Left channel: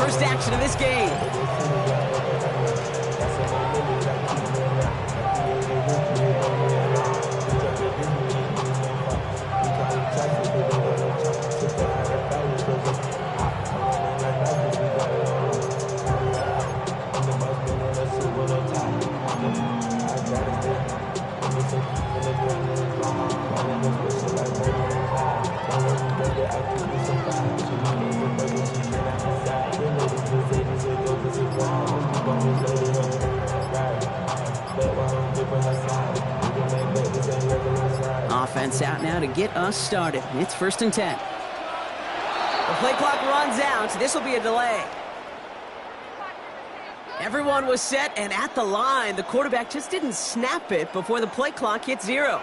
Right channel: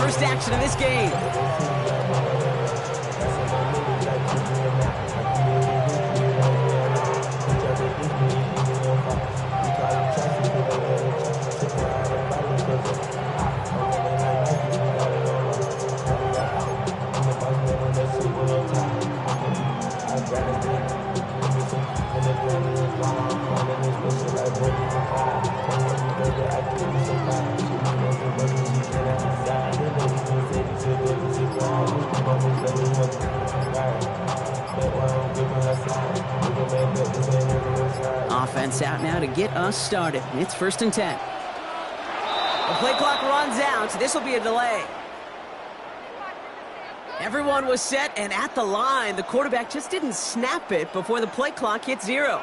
first action of this game. Offense out now to get us started. It's 1st and 10. The play clock runs out. This will be a delay. Everyone was set and at the line. The quarterback just didn't snap it before the play clock hit 0.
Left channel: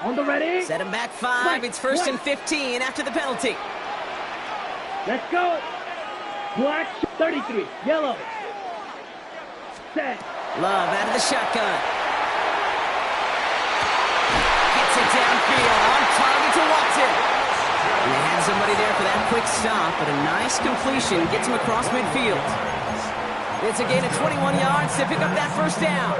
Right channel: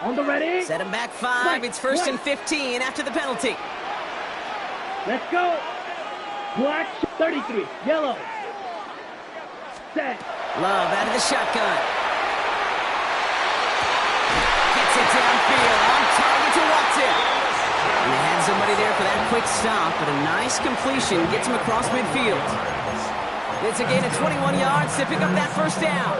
On the ready. Set him back 5. It's 1st and 15 after the penalty. Let's go. Black 33. Yellow. Set. Love out of the shotgun. Gets it downfield. On target to Watson. And they had somebody there for that quick stop, but a nice completion gets him across midfield. It's a gain of 21 yards to pick up that first down.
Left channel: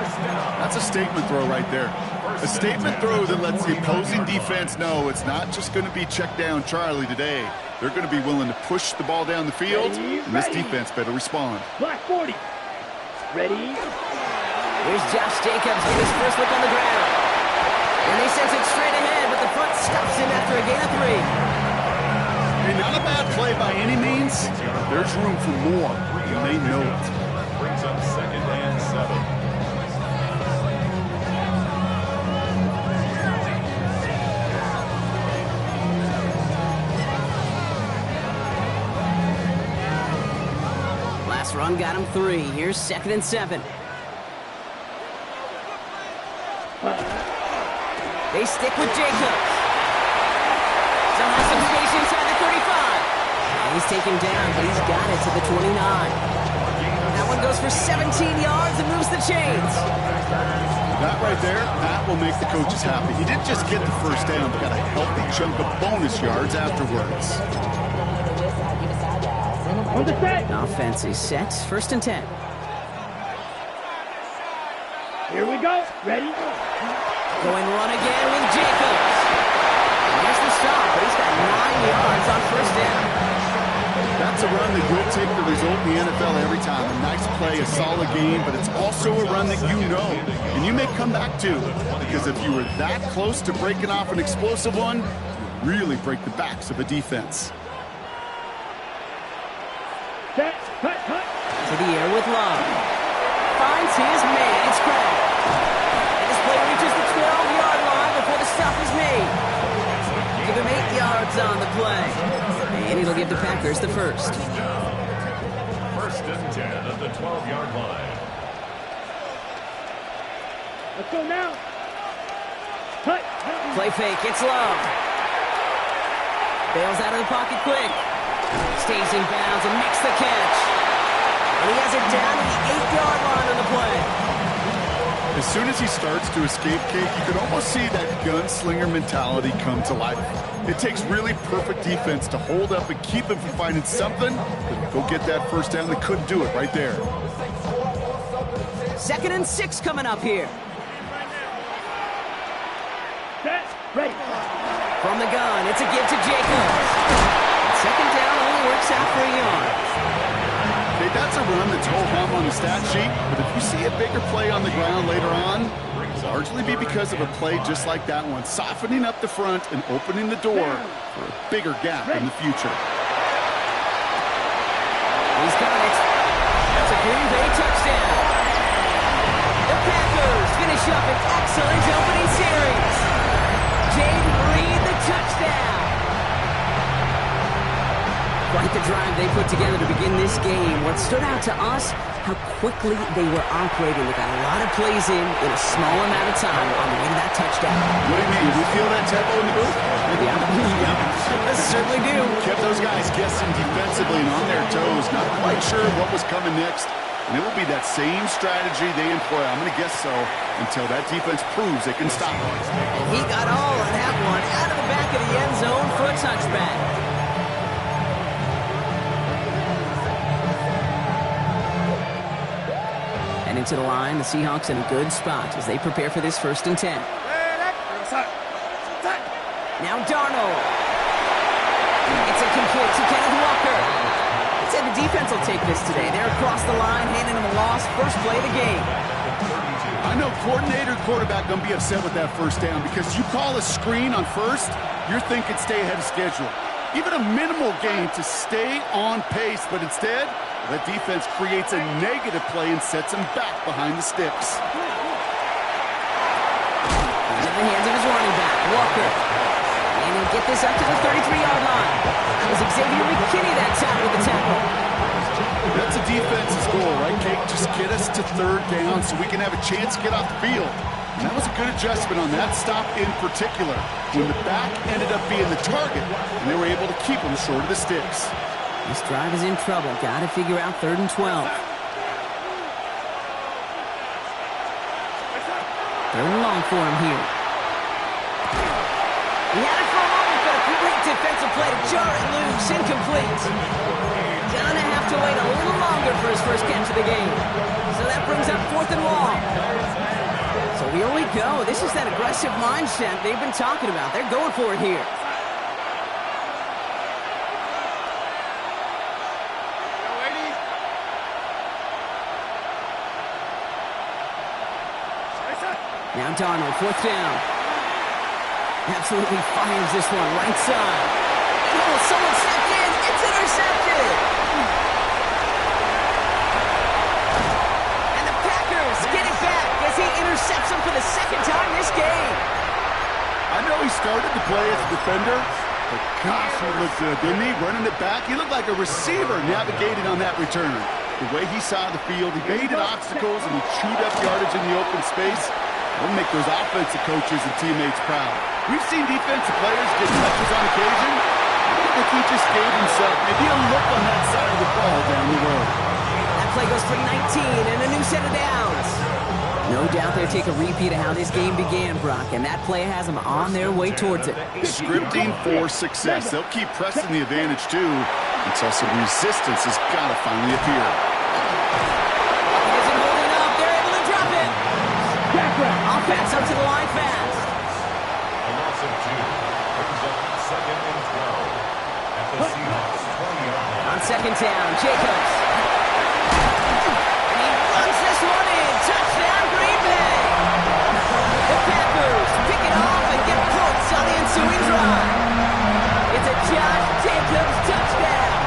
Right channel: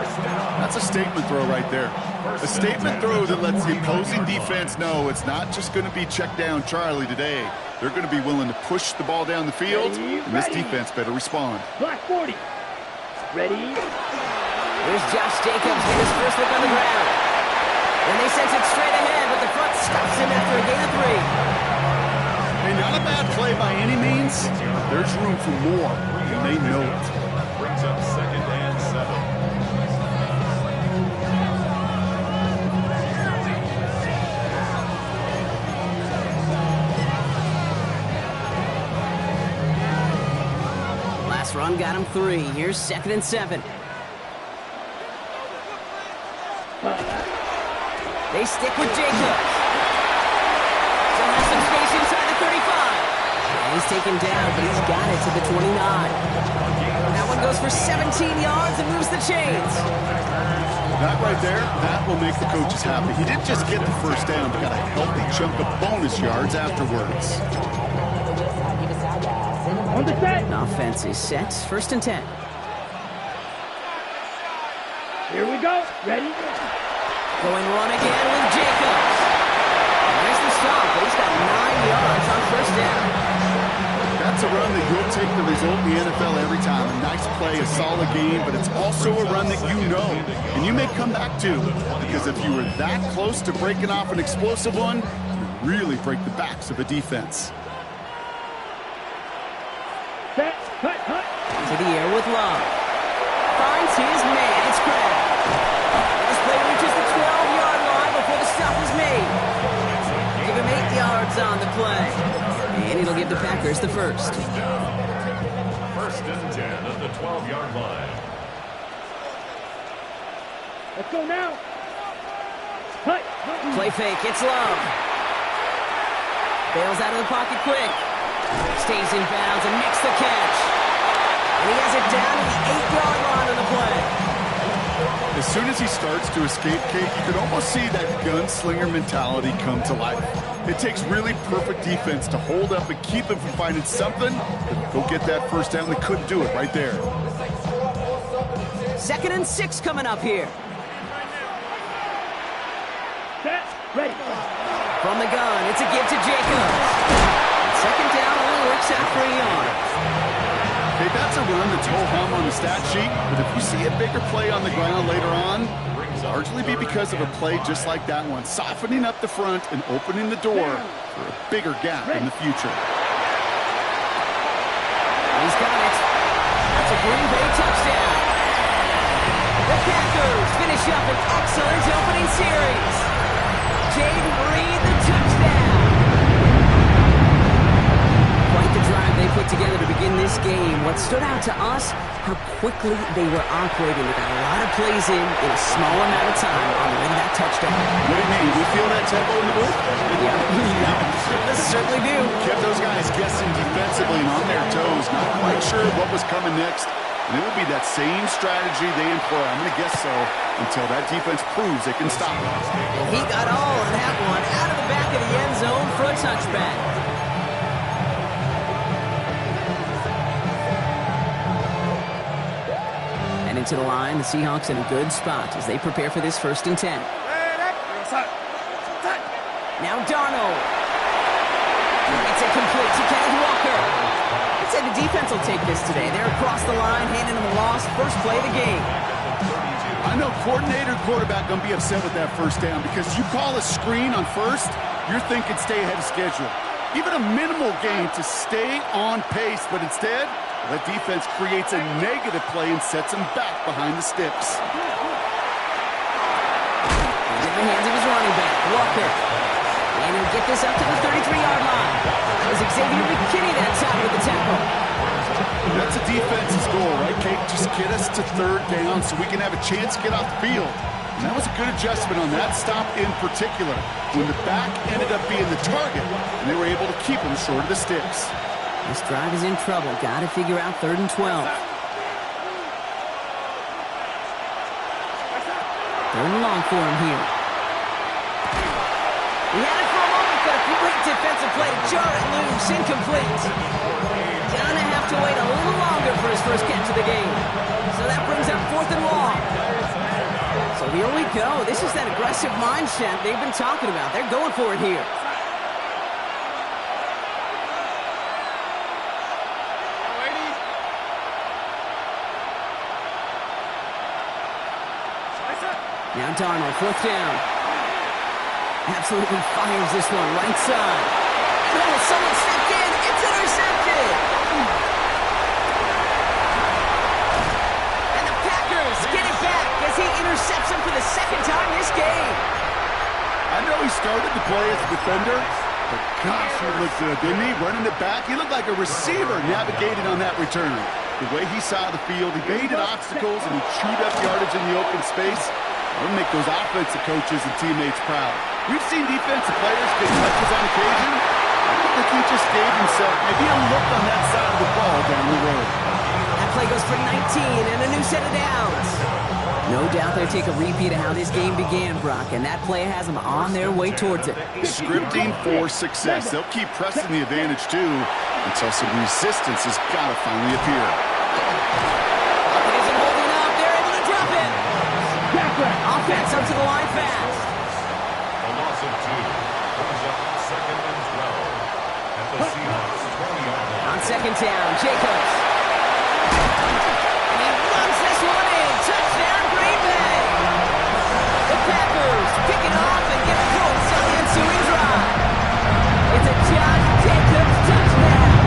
That's a statement throw right there. A statement throw that lets the opposing defense know it's not just going to be check down Charlie today. They're going to be willing to push the ball down the field, and this defense better respond. Black 40. Ready. Here's Josh Jacobs get his first look on the ground. And they sent it straight ahead, but the front stops him after a gain of 3. Hey, not a bad play by any means. There's room for more, and they know it. Brings up 2nd and 7. Last run got him 3. Here's 2nd and 7. They stick with Jacobs. Still has some space inside the 35. And he's taken down, but he's got it to the 29. That one goes for 17 yards and moves the chains. That right there, that will make the coaches happy. He didn't just get the first down, but got a healthy chunk of bonus yards afterwards. On the set. Offense is set. 1st and 10. Here we go. Ready. Going run again with Jacobs. And there's the stop, but he's got 9 yards on first down. That's a run that you'll take the result in the NFL every time. A nice play, a solid game, but it's also a run that you know, and you may come back to. Because if you were that close to breaking off an explosive one, you really break the backs of a defense. Set. Hut, hut. To the air with Love. Finds his man. It's Craig. And this play reaches the 12-yard line before the stop is made. Give him 8 yards on the play. And it'll give the Packers the first. 1st and 10 at the 12-yard line. Let's go now. Hut. Play fake. It's Love. Bails out of the pocket quick. Stays in bounds and makes the catch. And he has it down to the 8-yard line on the play. As soon as he starts to escape, Kate, you can almost see that gunslinger mentality come to life. It takes really perfect defense to hold up and keep him from finding something that'll go get that first down. They couldn't do it right there. 2nd and 6 coming up here. Set. Ready. From the gun, it's a give to Jacobs. And 2nd down only works out for a yard. Okay, that's a run that's ho-hum on the stat sheet, but if you see a bigger play on the ground later on, it'll largely be because of a play just like that one, softening up the front and opening the door for a bigger gap in the future. He's got it. That's a Green Bay touchdown. The Packers finish up an excellent opening series. Jaden Reed, the touchdown. Quite the drive they put together to begin this game. What stood out to us, how quickly they were operating. They got a lot of plays in a small amount of time on the way to that touchdown. What do you mean? We feel that tempo in the booth? Yeah, yeah, certainly do. Kept those guys guessing defensively and on their toes, not quite sure what was coming next. And it will be that same strategy they employ, I'm going to guess so, until that defense proves they can stop them. And he got all of that one out of the back of the end zone for a touchback. And into the line, the Seahawks in a good spot as they prepare for this 1st and 10. Now Darnold. It's incomplete to Kenneth Walker. I'd say the defense will take this today. They're across the line, handing him a loss. First play of the game. I know coordinator and quarterback going to be upset with that 1st down because you call a screen on 1st, you're thinking stay ahead of schedule. Even a minimal gain to stay on pace, but instead, that defense creates a negative play and sets him back behind the sticks. He's in the hands of his running back, Walker. And he'll get this up to the 33-yard line. As Xavier McKinney that time with the tackle. That's a defense's goal, right, Kate? Just get us to 3rd down so we can have a chance to get off the field. And that was a good adjustment on that stop in particular, when the back ended up being the target, and they were able to keep him short of the sticks. This drive is in trouble. Got to figure out 3rd and 12. 3rd and long for him here. He had it for a moment, but a great defensive play to jar it loose. Incomplete. Gonna have to wait a little longer for his first catch of the game. So that brings up 4th and long. So here we go. This is that aggressive mindset they've been talking about. They're going for it here. Now Darnold, 4th down. Absolutely fires this one, right side. Oh, someone stepped in. It's intercepted. And the Packers get it back as he intercepts him for the 2nd time this game. I know he started to play as a defender, but gosh, he looked good, didn't he? Running it back, he looked like a receiver navigating on that return. The way he saw the field, he baited obstacles and he chewed up yardage in the open space. That'll make those offensive coaches and teammates proud. We've seen defensive players get touches on occasion. I think he just gave himself maybe a look on that side of the ball down the road. That play goes for 19 and a new set of downs. No doubt they'll take a repeat of how this game began, Brock, and that play has them on their way towards it. Scripting for success. They'll keep pressing the advantage, too, until some resistance has got to finally appear. It isn't holding up. They're able to drop it. Offense up to the line fast. A loss of 2 brings up 2nd and 12 at the Seahawks 20-yard line. On 2nd down, Jacobs. And he runs this one in. Touchdown, Green Bay. The Packers pick it off and get points on the ensuing drive. It's a Josh Jacobs touchdown.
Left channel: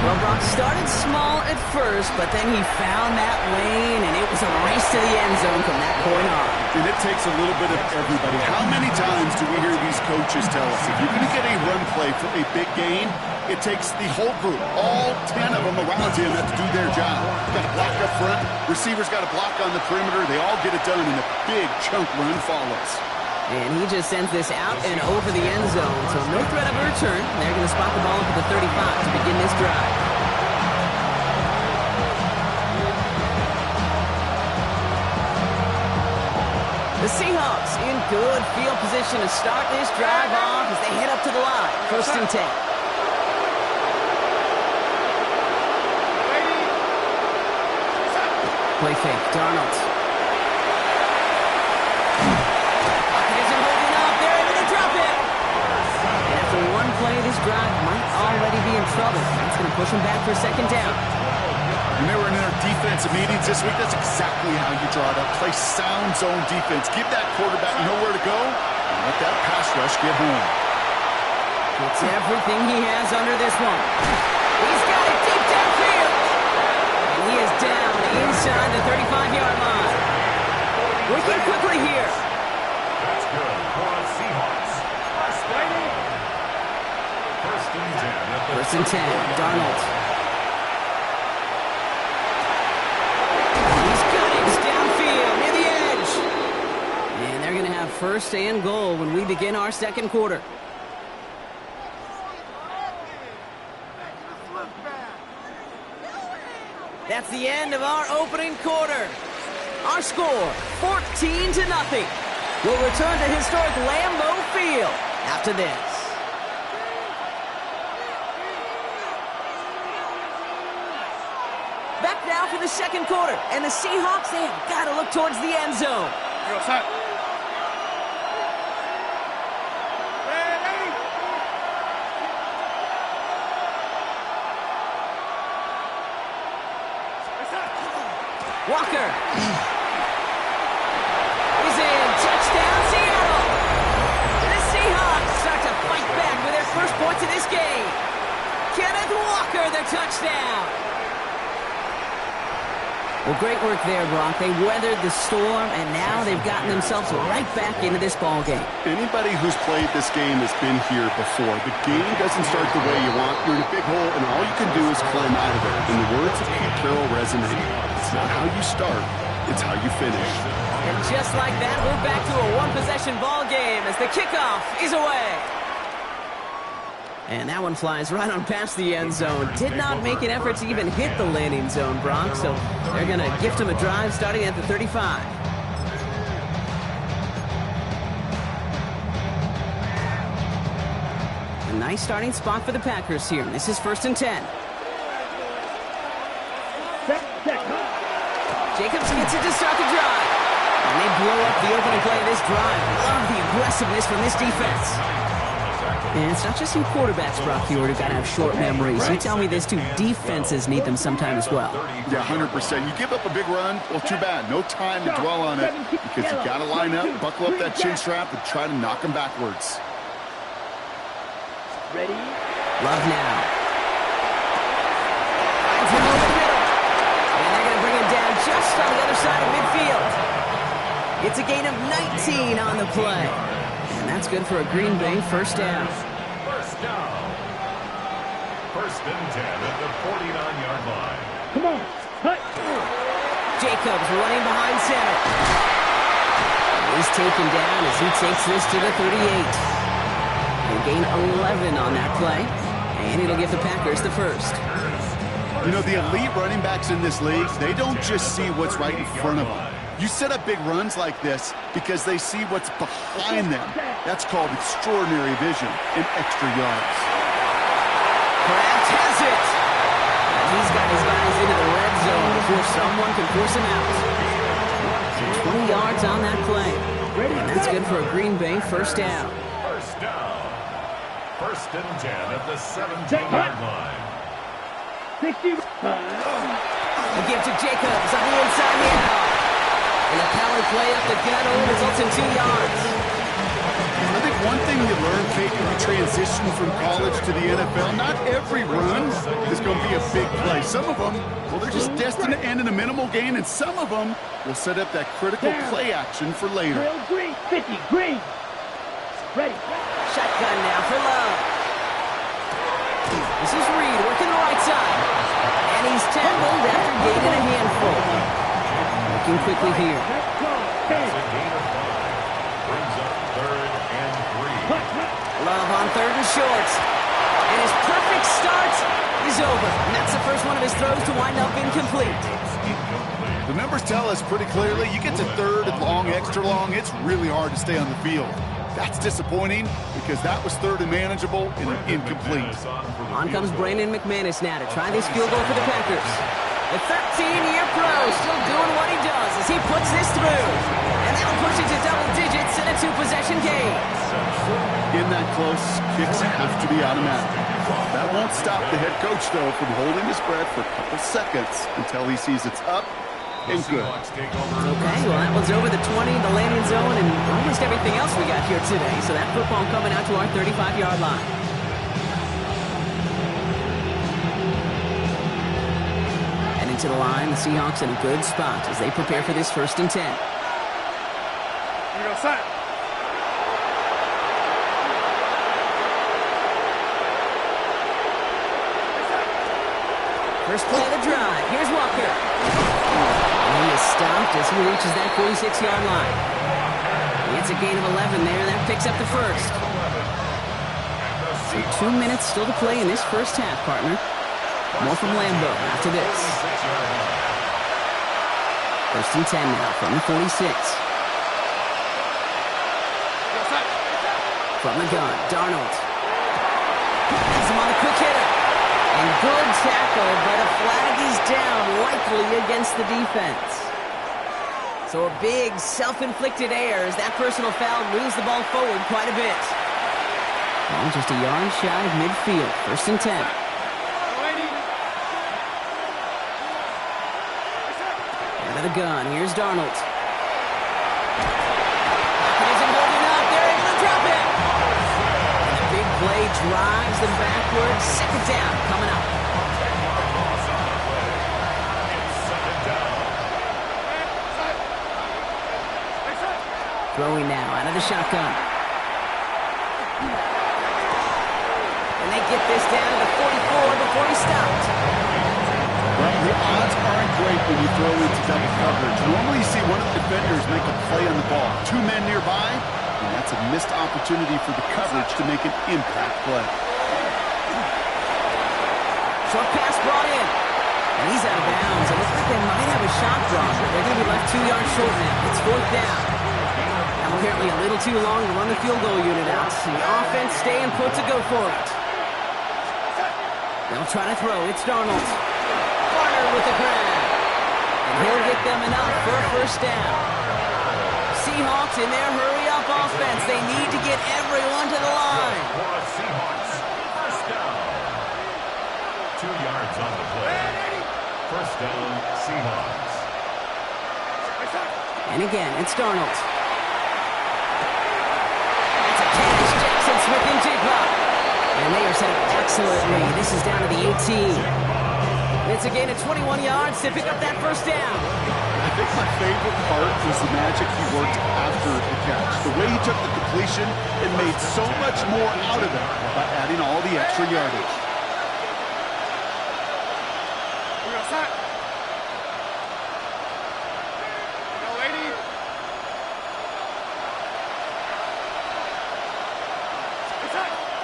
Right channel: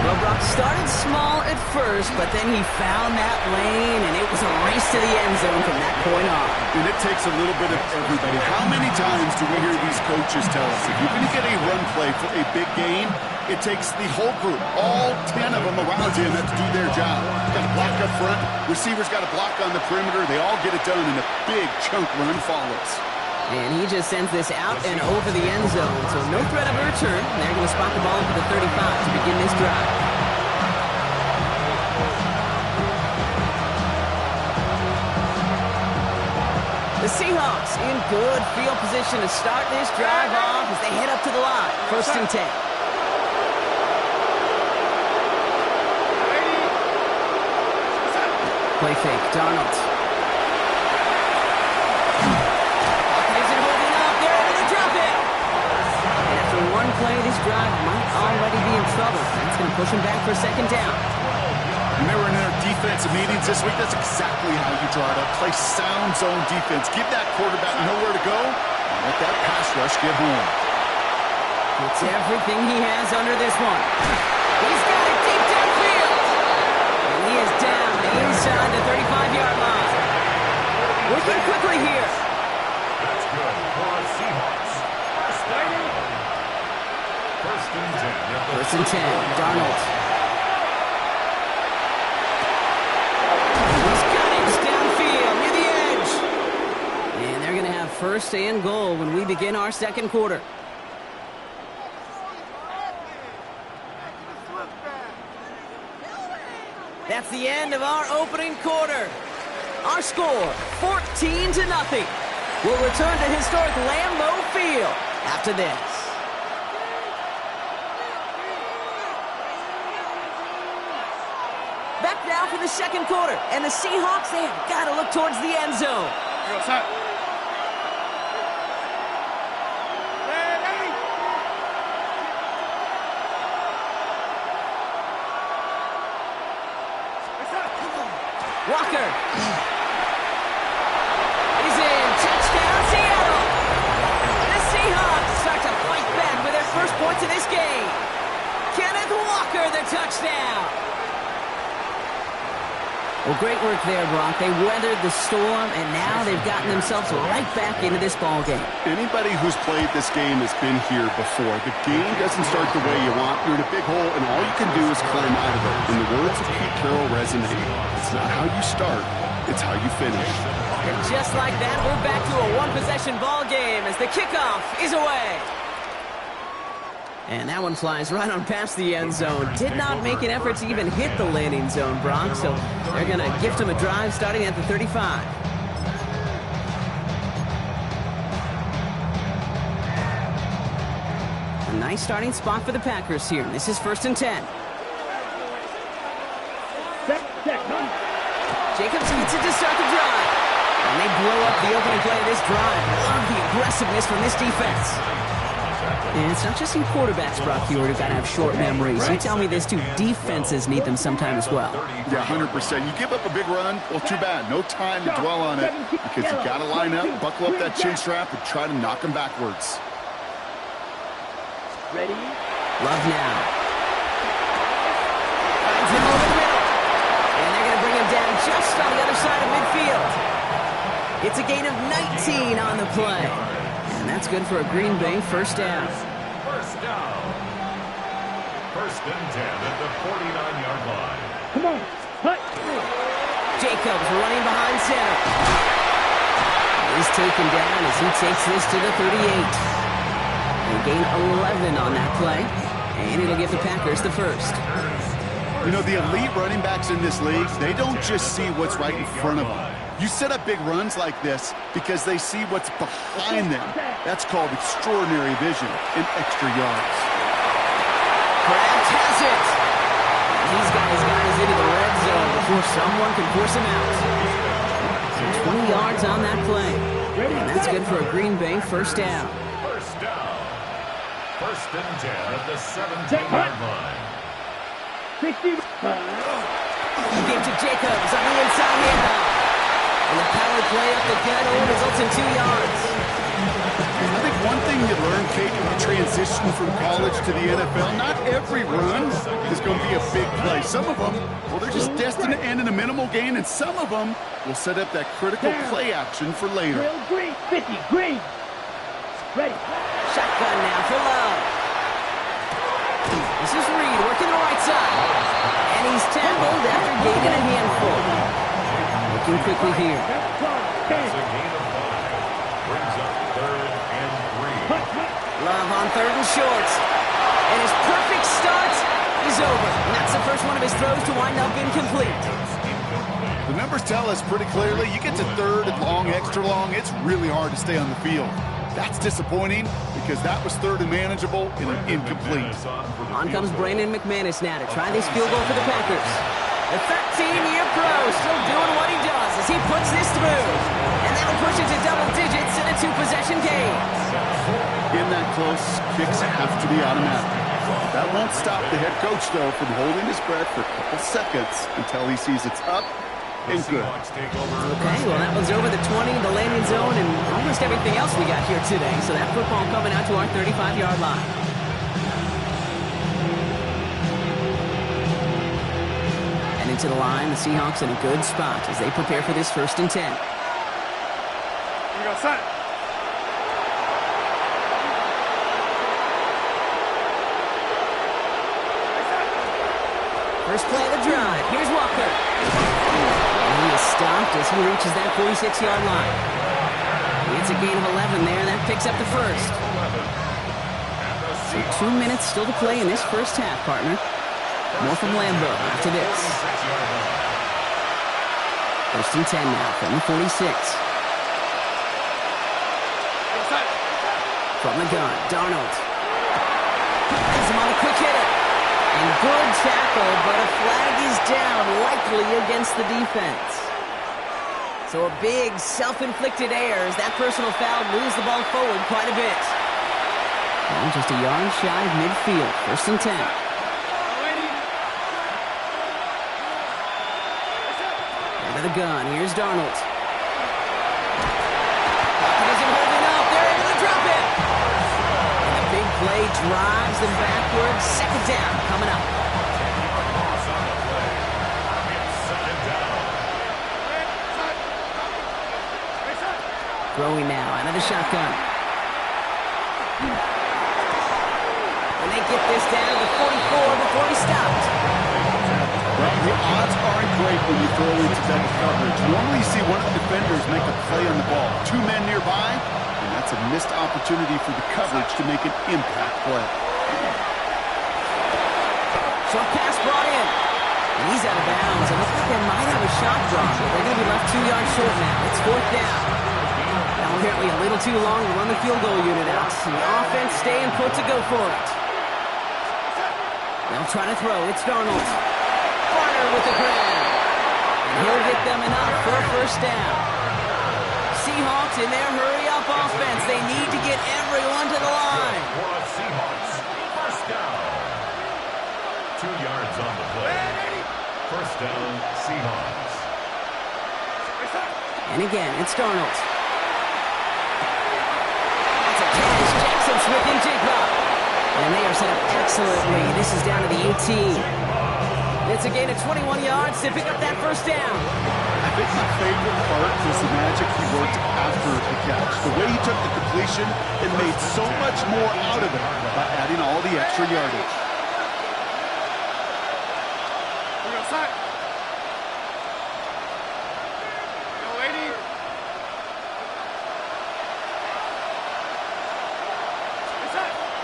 Well, Brock started small at first, but then he found that lane, and it was a race to the end zone from that point on. And it takes a little bit of everybody. How many times do we hear these coaches tell us, if you're going to get a run play for a big gain, it takes the whole group, all 10 of them around him have to do their job. Got to block up front, receivers got to block on the perimeter, they all get it done, and a big chunk run follows. And he just sends this out and over the end zone, so no threat of a return. They're going to spot the ball up at the 35 to begin this drive. The Seahawks in good field position to start this drive off as they head up to the line. 1st and 10. Play fake, Darnold. One play, this drive might already be in trouble. That's going to push him back for 2nd down. When they were in their defensive meetings this week, that's exactly how you draw it up. Play sound zone defense. Give that quarterback nowhere to go, and let that pass rush get home. It's everything he has under this one. He's got it deep downfield. And he is down inside the 35-yard line. Working quickly here. That's good for a Seahawks. First down. 1st and 10 at the 1st and 10, Darnold. He's got it downfield near the edge. And they're going to have 1st and goal when we begin our 2nd quarter. that's the end of our opening quarter. Our score, 14-0. We'll return to historic Lambeau Field after this. Back now for the second quarter, and the Seahawks, they have got to look towards the end zone. Walker is in. Touchdown, Seattle. The Seahawks start to fight back with their first points of this game. Kenneth Walker, the touchdown. Well, great work there, Brock. They weathered the storm, and now they've gotten themselves right back into this ball game. Anybody who's played this game has been here before. The game doesn't start the way you want. You're in a big hole, and all you can do is climb out of it. And the words of Pete Carroll resonate. It's not how you start, it's how you finish. And just like that, we're back to a one-possession ball game as the kickoff is away. And that one flies right on past the end zone. Did not make an effort to even hit the landing zone, Brock. So they're going to gift him a drive starting at the 35. A nice starting spot for the Packers here. This is 1st and 10. Jacobs gets it to start the drive. And they blow up the opening play of this drive. Love the aggressiveness from this defense. And it's not just you quarterbacks, Brock Huard, who've got to have short memories. You tell me this too, defenses need them sometime as well. Yeah, 100%. You give up a big run, well, too bad. No time to dwell on it because you got to line up, buckle up that chin strap, and try to knock them backwards. Ready? Love now. Finds him over the middle. And they're going to bring him down just on the other side of midfield. It's a gain of 19 on the play. And that's good for a Green Bay first down. First down. 1st and 10 at the 49-yard line. Come on. Hut. Jacobs running behind center. He's taken down as he takes this to the 38. They gain 11 on that play. And it'll give the Packers the first. You know, the elite running backs in this league, they don't just see what's right in front of them. You set up big runs like this because they see what's behind them. That's called extraordinary vision and extra yards. Kraft has it. And he's got his guys into the red zone before someone can force him out. So 20 yards on that play. And that's good for a Green Bay first down. First down. 1st and 10 at the 17-yard line. 60. A give to Jacobs on the inside handoff. And the power play up the gut only results in 2 yards. I think one thing you learn, Kate, when you transition from college to the NFL, not every run is going to be a big play. Some of them, well, they're just destined to end in a minimal gain, and some of them will set up that critical play action for later. Drill green. 50. Green. Ready. Shotgun now for Love. This is Reed working the right side. And he's tackled after gaining a handful. Looking quickly here. That's a gain of 5. Brings up 3rd and 3. Love on 3rd and short. And his perfect start is over. And that's the first one of his throws to wind up incomplete. The numbers tell us pretty clearly, you get to 3rd and long, extra long, it's really hard to stay on the field. That's disappointing because that was 3rd and manageable and incomplete. On comes Brandon McManus now to try this field goal for the Packers. The 13-year pro still doing what he does as he puts this through. And that'll push it to double digits in a 2-possession game. In that close, kicks have to be automatic. That won't stop the head coach, though, from holding his breath for a couple seconds until he sees it's up and good. Okay, well, that one's over the 20, the landing zone, and almost everything else we got here today. So that football coming out to our 35-yard line. To the line, the Seahawks in a good spot as they prepare for this 1st and 10. Here we go, son. First play of the drive. Here's Walker. And he is stopped as he reaches that 46-yard line. It's a gain of 11 there. That picks up the first. So 2 minutes still to play in this first half, partner. More from Lambeau after this. 1st and 10 now from the 46. From the gun, Darnold. Has him on the quick hitter. And good tackle, but a flag is down, likely against the defense. So a big self-inflicted error as that personal foul moves the ball forward quite a bit. Well, just a yard shy of midfield. 1st and 10. Out of the gun, here's Darnold. Pocket isn't holding up, they're able to drop it. And the big play drives them backwards. 2nd down coming up. 10-yard loss on the play. It's 2nd down. Throwing now out of the shotgun. And they get this down to the 44 before he stopped. Well, the odds aren't great when you throw into double coverage. Normally you see one of the defenders make a play on the ball. 2 men nearby, and that's a missed opportunity for the coverage to make an impact play. Short pass brought in. And he's out of bounds. It looks like they might have a shot drawn, but they're going to be left 2 yards short now. It's 4th down. Now apparently a little too long to run the field goal unit out. The offense staying put to go for it. They'll try to throw. It's Darnold. Barner with the grab. And he'll get them enough for a 1st down. Seahawks in their hurry-up offense. They need to get everyone to the line. For a Seahawks 1st down. 2 yards on the play. 1st down, Seahawks. And again, it's Darnold. That's a catch. Jackson Smith and Jigba. And they are set up excellently. This is down to the 18. It's a gain of 21 yards to pick up that 1st down. I think my favorite part was the magic he worked after the catch. The way he took the completion and made so much more out of it by adding all the extra yardage.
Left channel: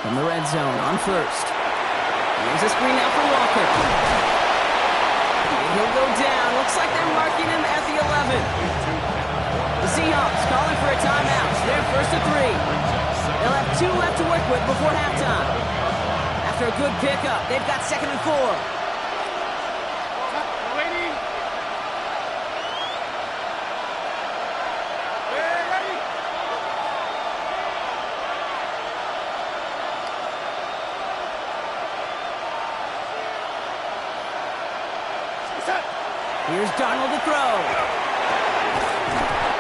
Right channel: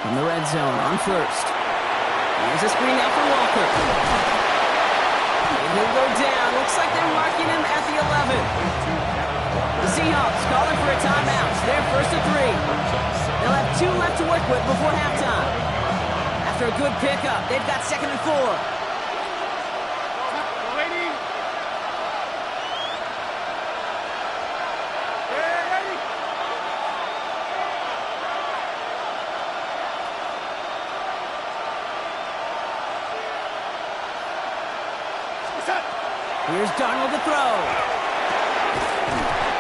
From the red zone on 1st. Here's a screen out for Walker. And he'll go down. Looks like they're marking him at the 11. The Seahawks calling for a timeout. They're 1st and 3. They'll have 2 left to work with before halftime. After a good pickup, they've got 2nd and 4. Here's Darnold to throw.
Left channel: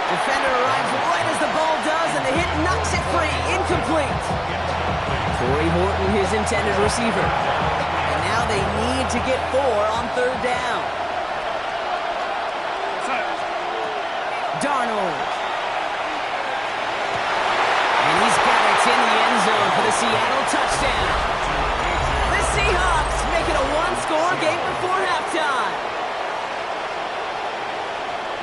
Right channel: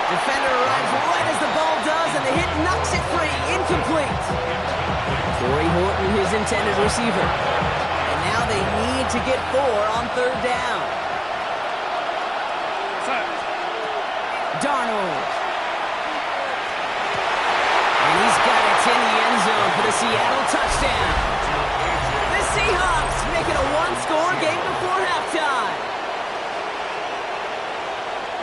Defender arrives right as the ball does, and the hit knocks it free. Incomplete. Corey Horton, his intended receiver. And now they need to get 4 on 3rd down. Darnold. And he's got it in the end zone for the Seattle touchdown. The Seahawks make it a 1-score game before halftime.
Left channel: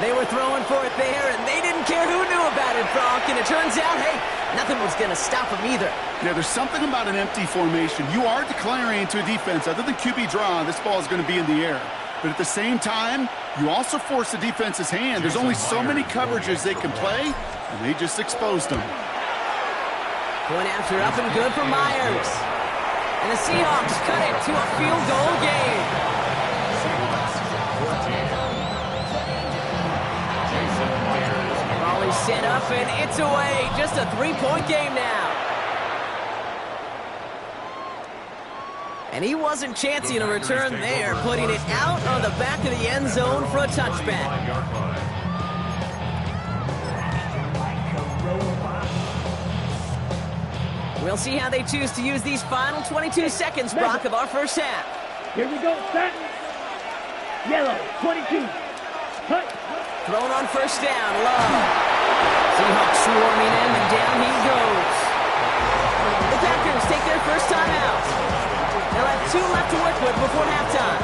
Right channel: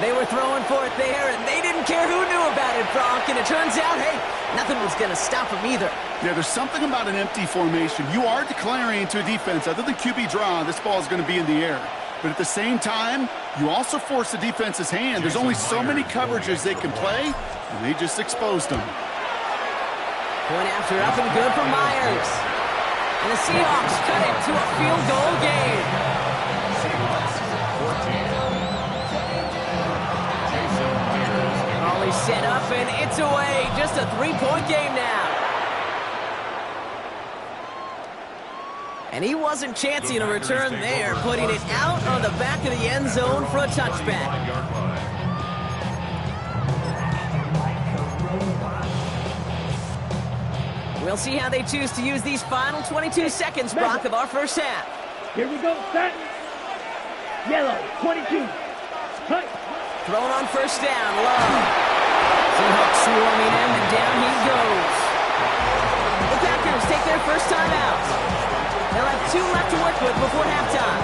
They were throwing for it there, and they didn't care who knew about it, Bronk. And it turns out, hey, nothing was going to stop them either. Yeah, there's something about an empty formation. You are declaring to a defense, other than QB draw, this ball is going to be in the air. But at the same time, you also force the defense's hand. There's only so many coverages they can play, and they just exposed them. Point after up and good for Myers. And the Seahawks cut it to a field goal game. Seahawks 14. Ball is set up, and it's away. Just a 3-point game now. And he wasn't chancing a return there, putting it out on the back of the end zone for a touchback. We'll see how they choose to use these final 22 seconds, Brock, of our 1st half. Here we go, set. Yellow, 22. Cut. Thrown on 1st down, Love. Seahawks swarming him, and down he goes. The Packers take their 1st time out. They'll have 2 left to work with before halftime.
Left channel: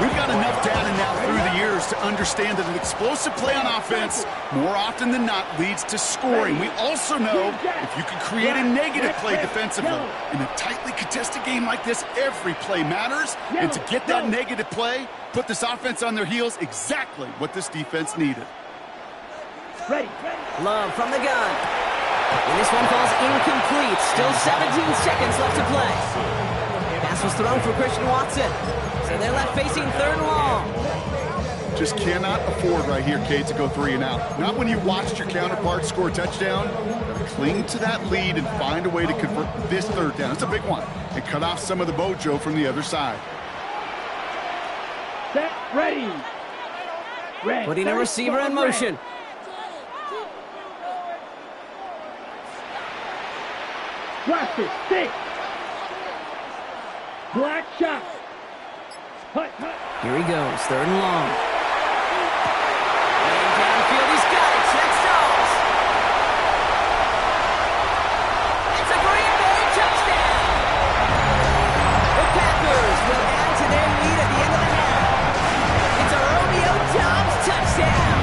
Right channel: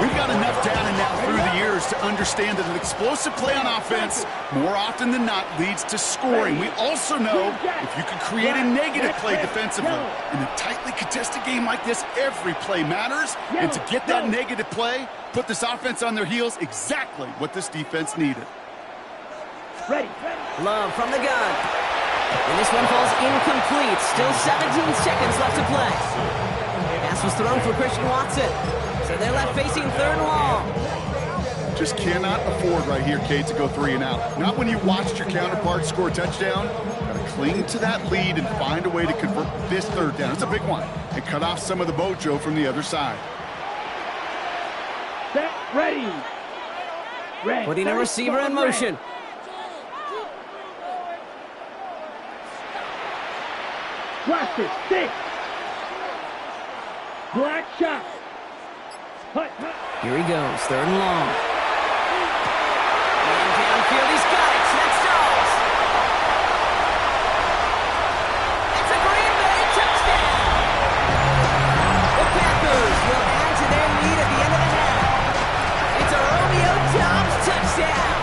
We've got enough down and out through the years players to understand that an explosive play on offense, more often than not, leads to scoring. We also know if you can create a negative play defensively in a tightly contested game like this, every play matters. And to get that negative play, put this offense on their heels, exactly what this defense needed. Ready. Love from the gun. And this one falls incomplete. Still 17 seconds left to play. Pass was thrown for Christian Watson. So they're left facing 3rd and long. Just cannot afford right here, Kate, to go 3 and out. Not when you watched your counterpart score a touchdown. Got to cling to that lead and find a way to convert this 3rd down. It's a big one. And cut off some of the mojo from the other side. Set, ready. Red. Putting a receiver in motion. Blaster, 6. Black shot. Hut. Here he goes, 3rd and long. And downfield, he's got it. That's Dolls. It's a Green Bay touchdown. The Packers will add to their lead at the end of the half. It's a Romeo Doubs touchdown.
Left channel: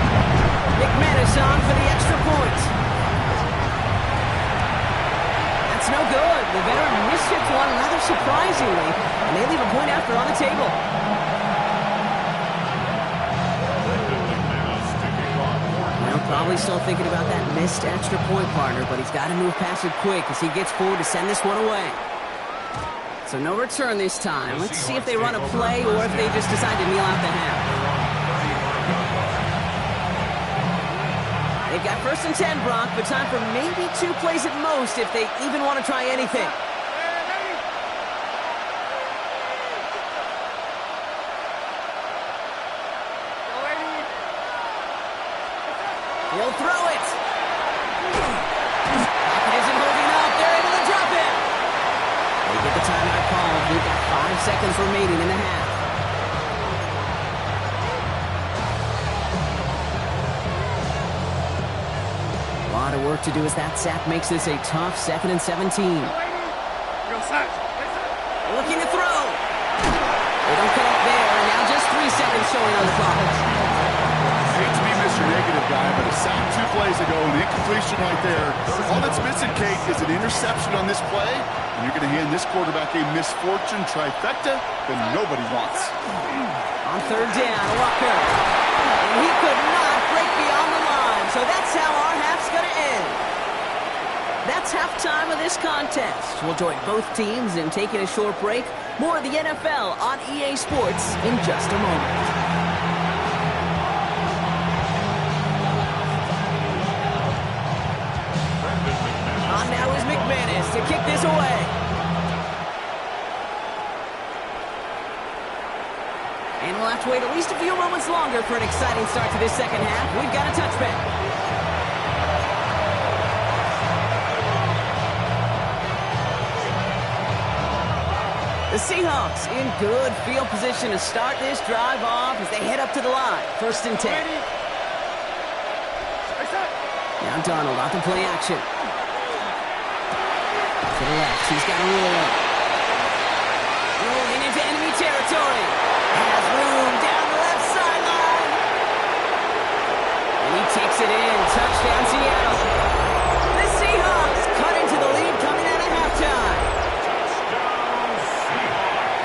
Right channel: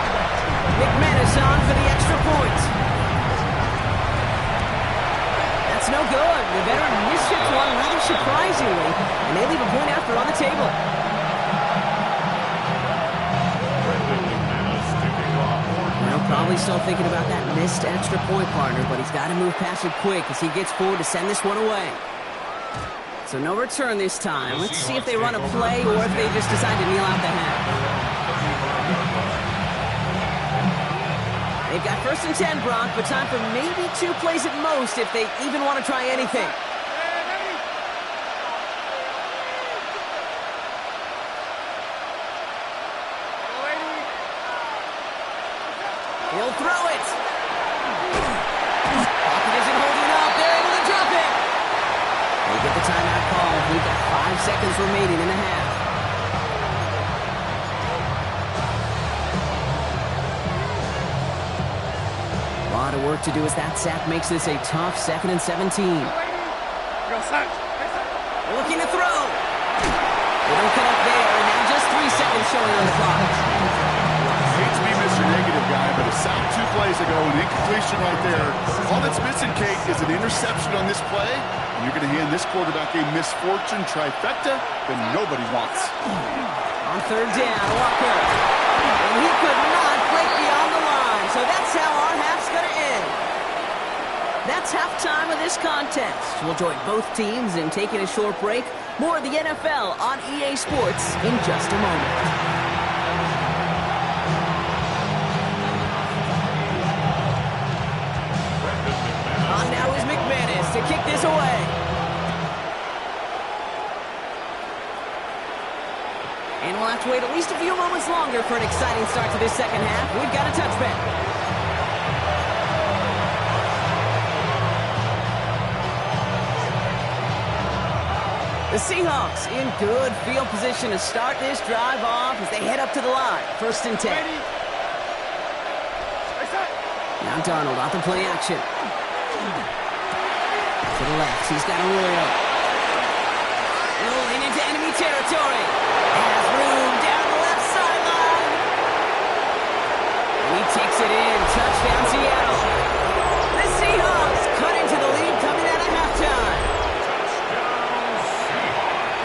McManus on for the extra point. That's no good. The veteran misshits one rather surprisingly, and they leave a point after on the table. Well, probably still thinking about that missed extra point, partner, but he's got to move past it quick as he gets forward to send this one away. So no return this time. Let's see if they run a play or if they just decide to kneel out the half. They've got 1st and 10, Brock, but time for maybe 2 plays at most if they even want to try anything. He'll throw it. Pocket isn't holding up. They're able to drop it. They get the timeout called. We've got 5 seconds remaining in the half. A lot of work to do as that sack makes this a tough 2nd and 17. Looking to throw. They don't cut up there, and now just 3 seconds showing on the clock. I hate to be Mr. Negative guy, but a sack 2 plays ago, an incompletion right there. All that's missing, Kate, is an interception on this play, and you're going to hand this quarterback a misfortune trifecta that nobody wants. On 3rd down, Walker. And he could not break beyond the line, so that's how our half's going to end. That's halftime of this contest. We'll join both teams in taking a short break. More of the NFL on EA Sports in just a moment. On now is McManus to kick this away. And we'll have to wait at least a few moments longer for an exciting start to this 2nd half. We've got a touchback. The Seahawks in good field position to start this drive off as they head up to the line. 1st and 10. Now Darnold off the play action. To the left, he's got Arroyo. Rolling into enemy territory. Has room down the left sideline. And he takes it in. Touchdown, Seattle. The Seahawks cut into the lead coming out of halftime.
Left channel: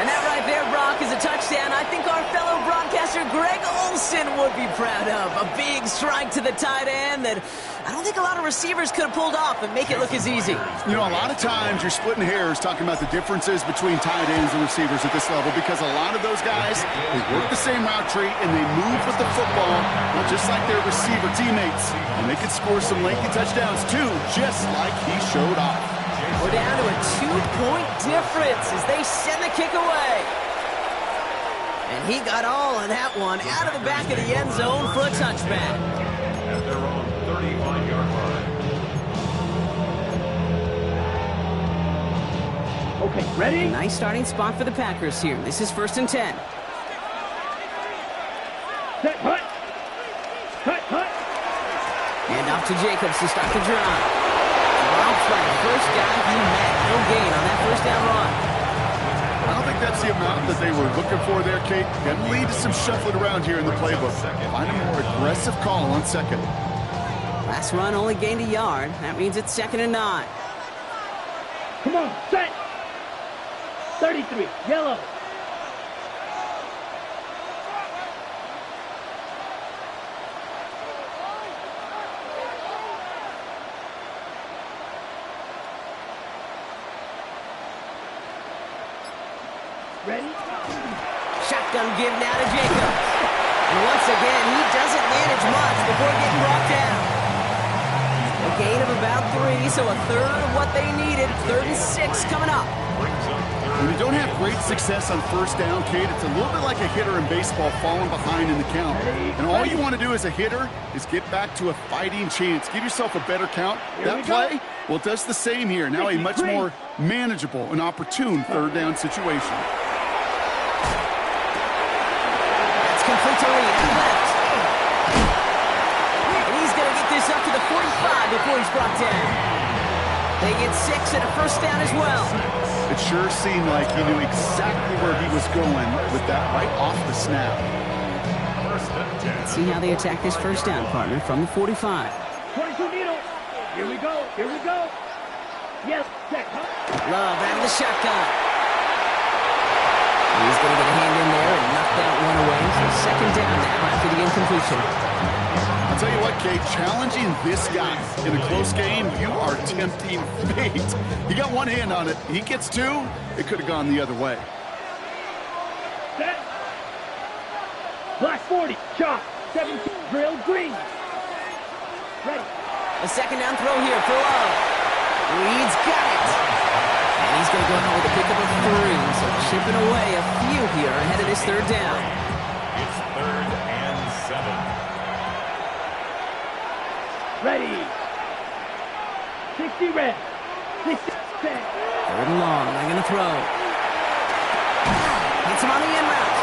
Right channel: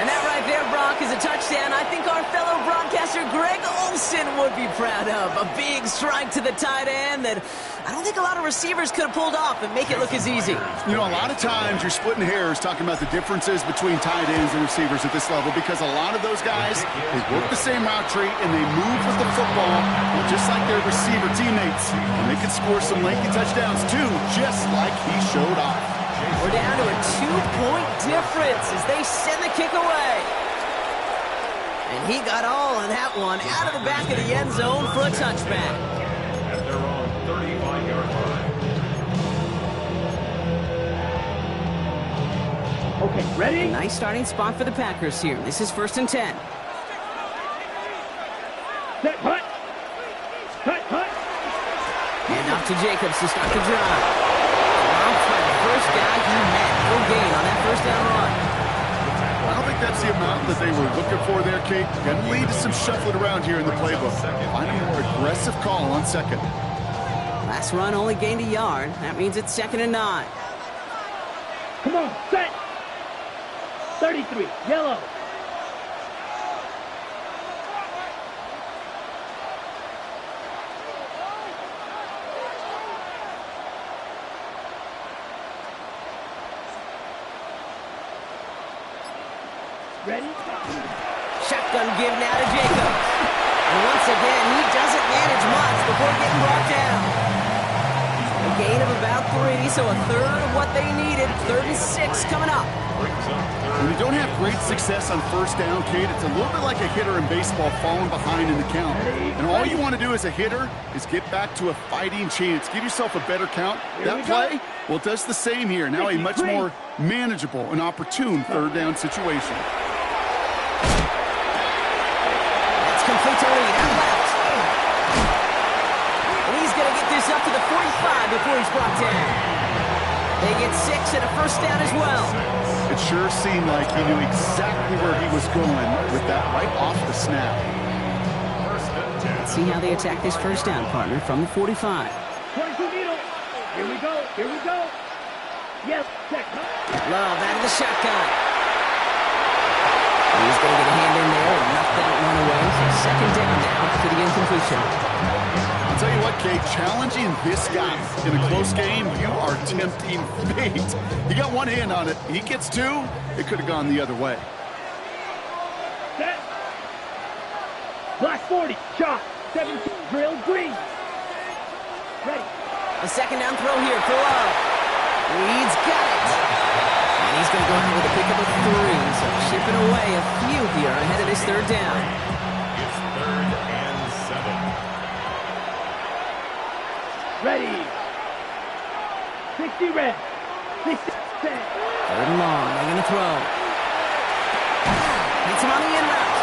And that right there, Brock, is a touchdown I think our fellow broadcaster Greg Olsen would be proud of. A big strike to the tight end that I don't think a lot of receivers could have pulled off and make it look as easy. You know, a lot of times you're splitting hairs talking about the differences between tight ends and receivers at this level because a lot of those guys, they work the same route tree and they move with the football just like their receiver teammates. And they can score some lengthy touchdowns too, just like he showed off. We're down to a 2-point difference as they send the kick away. And he got all of that one out of the back of the end zone for a touchback. At their own 35-yard line. Okay, ready? Nice starting spot for the Packers here. This is 1st and 10. Set, hut. Hand off to Jacobs to start the drive. Dropped by the first guy he met. No gain on that 1st down run. I don't think that's the amount that they were looking for there, Kate. Going to lead to some shuffling around here in the playbook. Find a more aggressive call on second. Last run only gained a yard. That means it's 2nd and 9. Come on, set. 33, yellow. Ready? Shotgun give now to Jacobs. And once again, he doesn't manage much before getting brought down. A gain of about 3, so a third of what they needed. 3rd and 6 coming up. When you don't have great success on first down, Kate, it's a little bit like a hitter in baseball falling behind in the count. And all you want to do as a hitter is get back to a fighting chance. Give yourself a better count. That play, well, it does the same here. Now a much more manageable and opportune 3rd down situation. That's complete to Reed out left. And he's going to get this up to the 45 before he's brought down. They get 6 and a first down as well. It sure seemed like he knew exactly where he was going with that right off the snap. Let's see how they attack this first down, partner, from the 45. 22 needle. Here we go. Here we go. Yes, check. Love out of the shotgun. He's going to get a hand in there and knock that one away. So 2nd down now after the incompletion. I'll tell you what, Kate, challenging this guy in a close game, you are tempting fate. He got one hand on it. He gets 2. It could have gone the other way. Set. Black 40. Shot. 17. Drill. Green. Ready. A 2nd down throw here for Love. Reed's got it. And he's going to go out with a pickup of 3. So chipping away a few here ahead of this 3rd down. It's 3rd and 7. Ready. 60 red. 60 set. 3rd and long. They're going to throw. Hits him on the in route.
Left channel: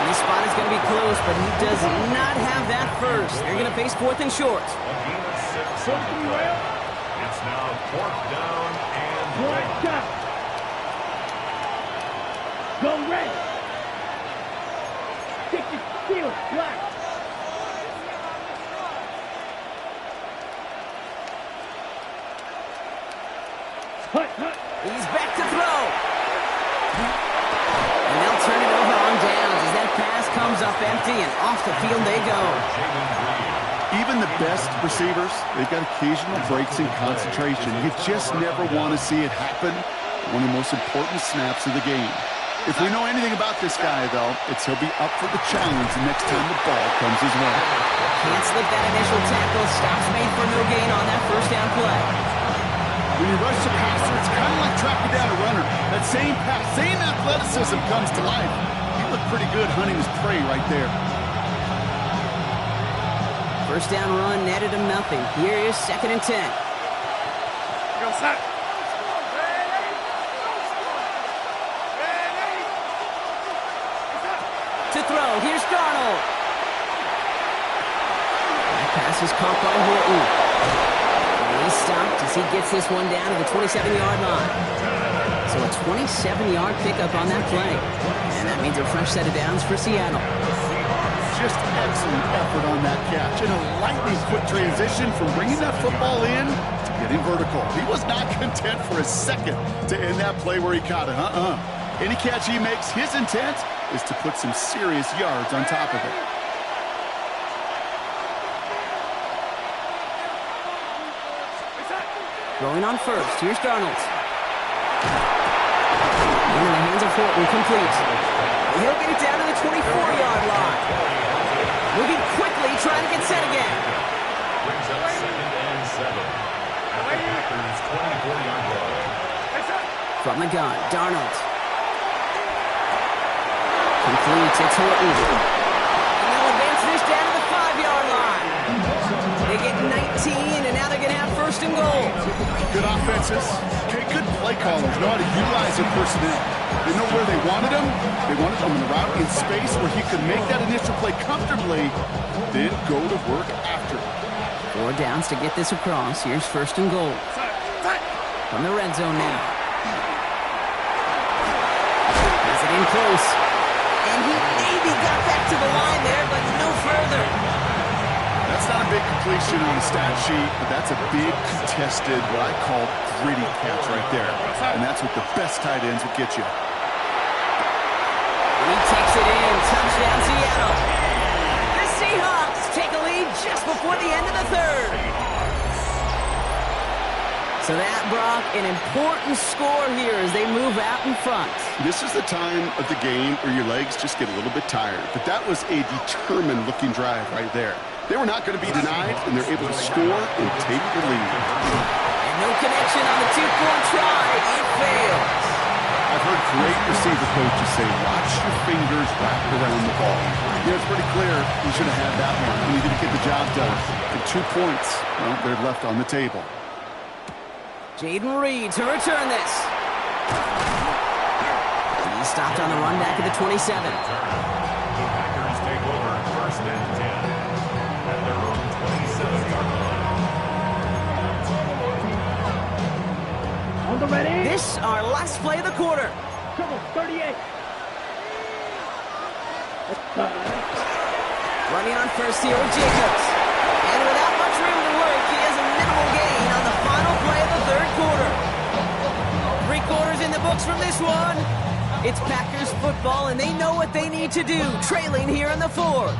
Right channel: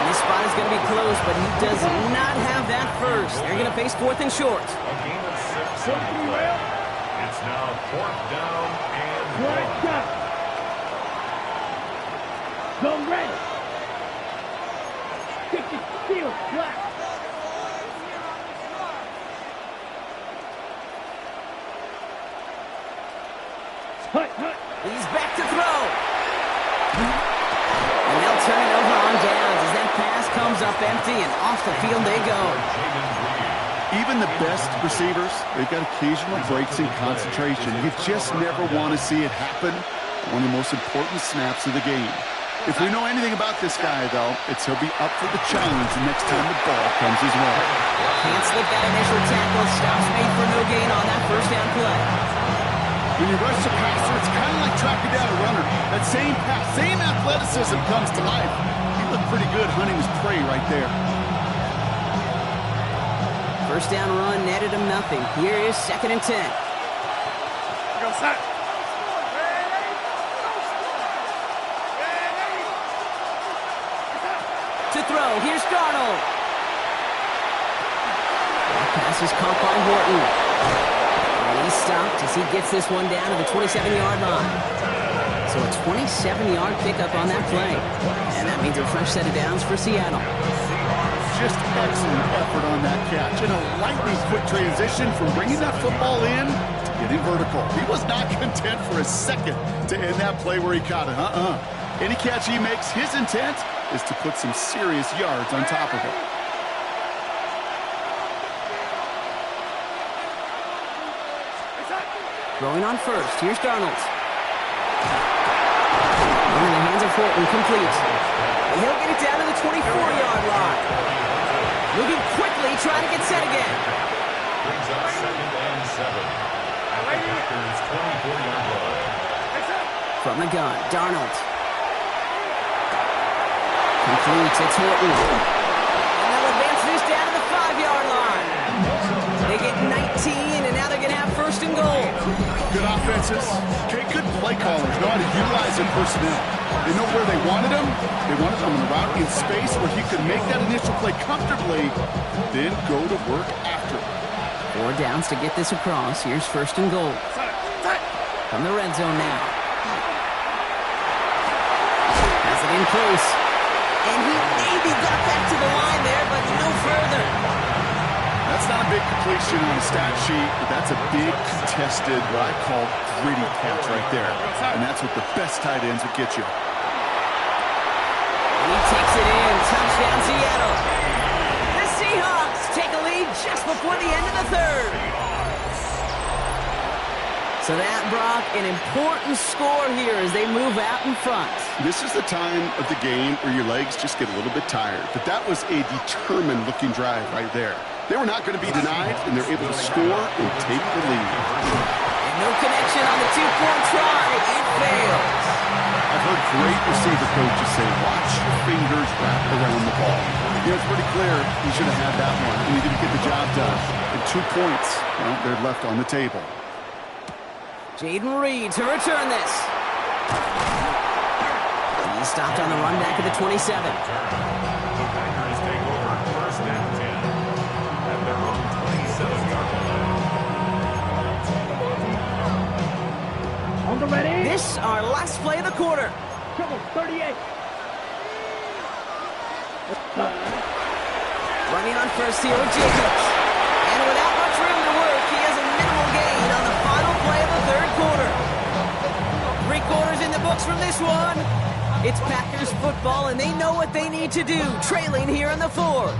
And this spot is going to be close, but he does not have that first. They're going to face 4th and short. A gain of 6 on the play. It's now 4th down and 1. Shot. Go red. 60 steel. Black. He's back to throw. And they'll turn it over on downs as that pass comes up empty and off the field they go. Even the best receivers, they've got occasional breaks in concentration. You just never want to see it happen. One of the most important snaps of the game. If we know anything about this guy, though, it's he'll be up for the challenge the next time the ball comes his way. Can't slip that initial tackle. Stops made for no gain on that first down play. When you rush the passer, it's kind of like tracking down a runner. That same pass, same athleticism comes to life. He looked pretty good hunting his prey right there. First down run netted him nothing. Here is 2nd and 10. Go set. To throw, here's Darnold. That pass is caught by Horton. And he's stopped as he gets this one down to the 27-yard line. So a 27-yard pickup on that play. And that means a fresh set of downs for Seattle. Just excellent effort on that catch. And a lightning quick transition from bringing that football in to getting vertical. He was not content for a second to end that play where he caught it. Any catch he makes, his intent is to put some serious yards on top of it. Throwing on first. Here's Darnold. Into the hands of Horton, complete. And he'll get it down to the 24-yard line. Moving quickly, trying to get set again. Brings up 2nd and 7. At the Packers' 24-yard line. From the gun, Darnold. Complete, it's Horton. And they'll advance this down to the 5-yard line. They get 19, and now they're going to have 1st and goal. Good offenses. Good play callers know how to utilize their personnel. They know where they wanted him. They wanted him in a route in space where he could make that initial play comfortably, then go to work after it. 4 downs to get this across. Here's 1st and goal. From the red zone now. it in close. And he maybe got back to the line there, but no further. That's not a big completion on the stat sheet, but that's a big contested, what I call gritty catch right there. And that's what the best tight ends will get you. And he takes it in. Touchdown, Seattle. The Seahawks take a lead just before the end of the third. So that, Brock, an important score here as they move out in front. This is the time of the game where your legs just get a little bit tired. But that was a determined-looking drive right there. They were not going to be denied, and they're able to score and take the lead. And no connection on the two-point try. It fails. I've heard great receiver coaches say, watch your fingers wrap around the ball. Yeah, it's pretty clear he should have had that one, and he didn't get the job done. And 2 points, well, they're left on the table. Jaden Reed to return this. He stopped on the run back at the 27. The Packers take over 1st and 10 at their own 27-yard line. On the ready. This our last play of the quarter. Trouble, 38. Running on first here with Jacobs. And without much room to work, he has a minimal gain on the final play of the third quarter. 3 quarters in the books from this one. It's Packers football, and they know what they need to do, trailing here in the fourth.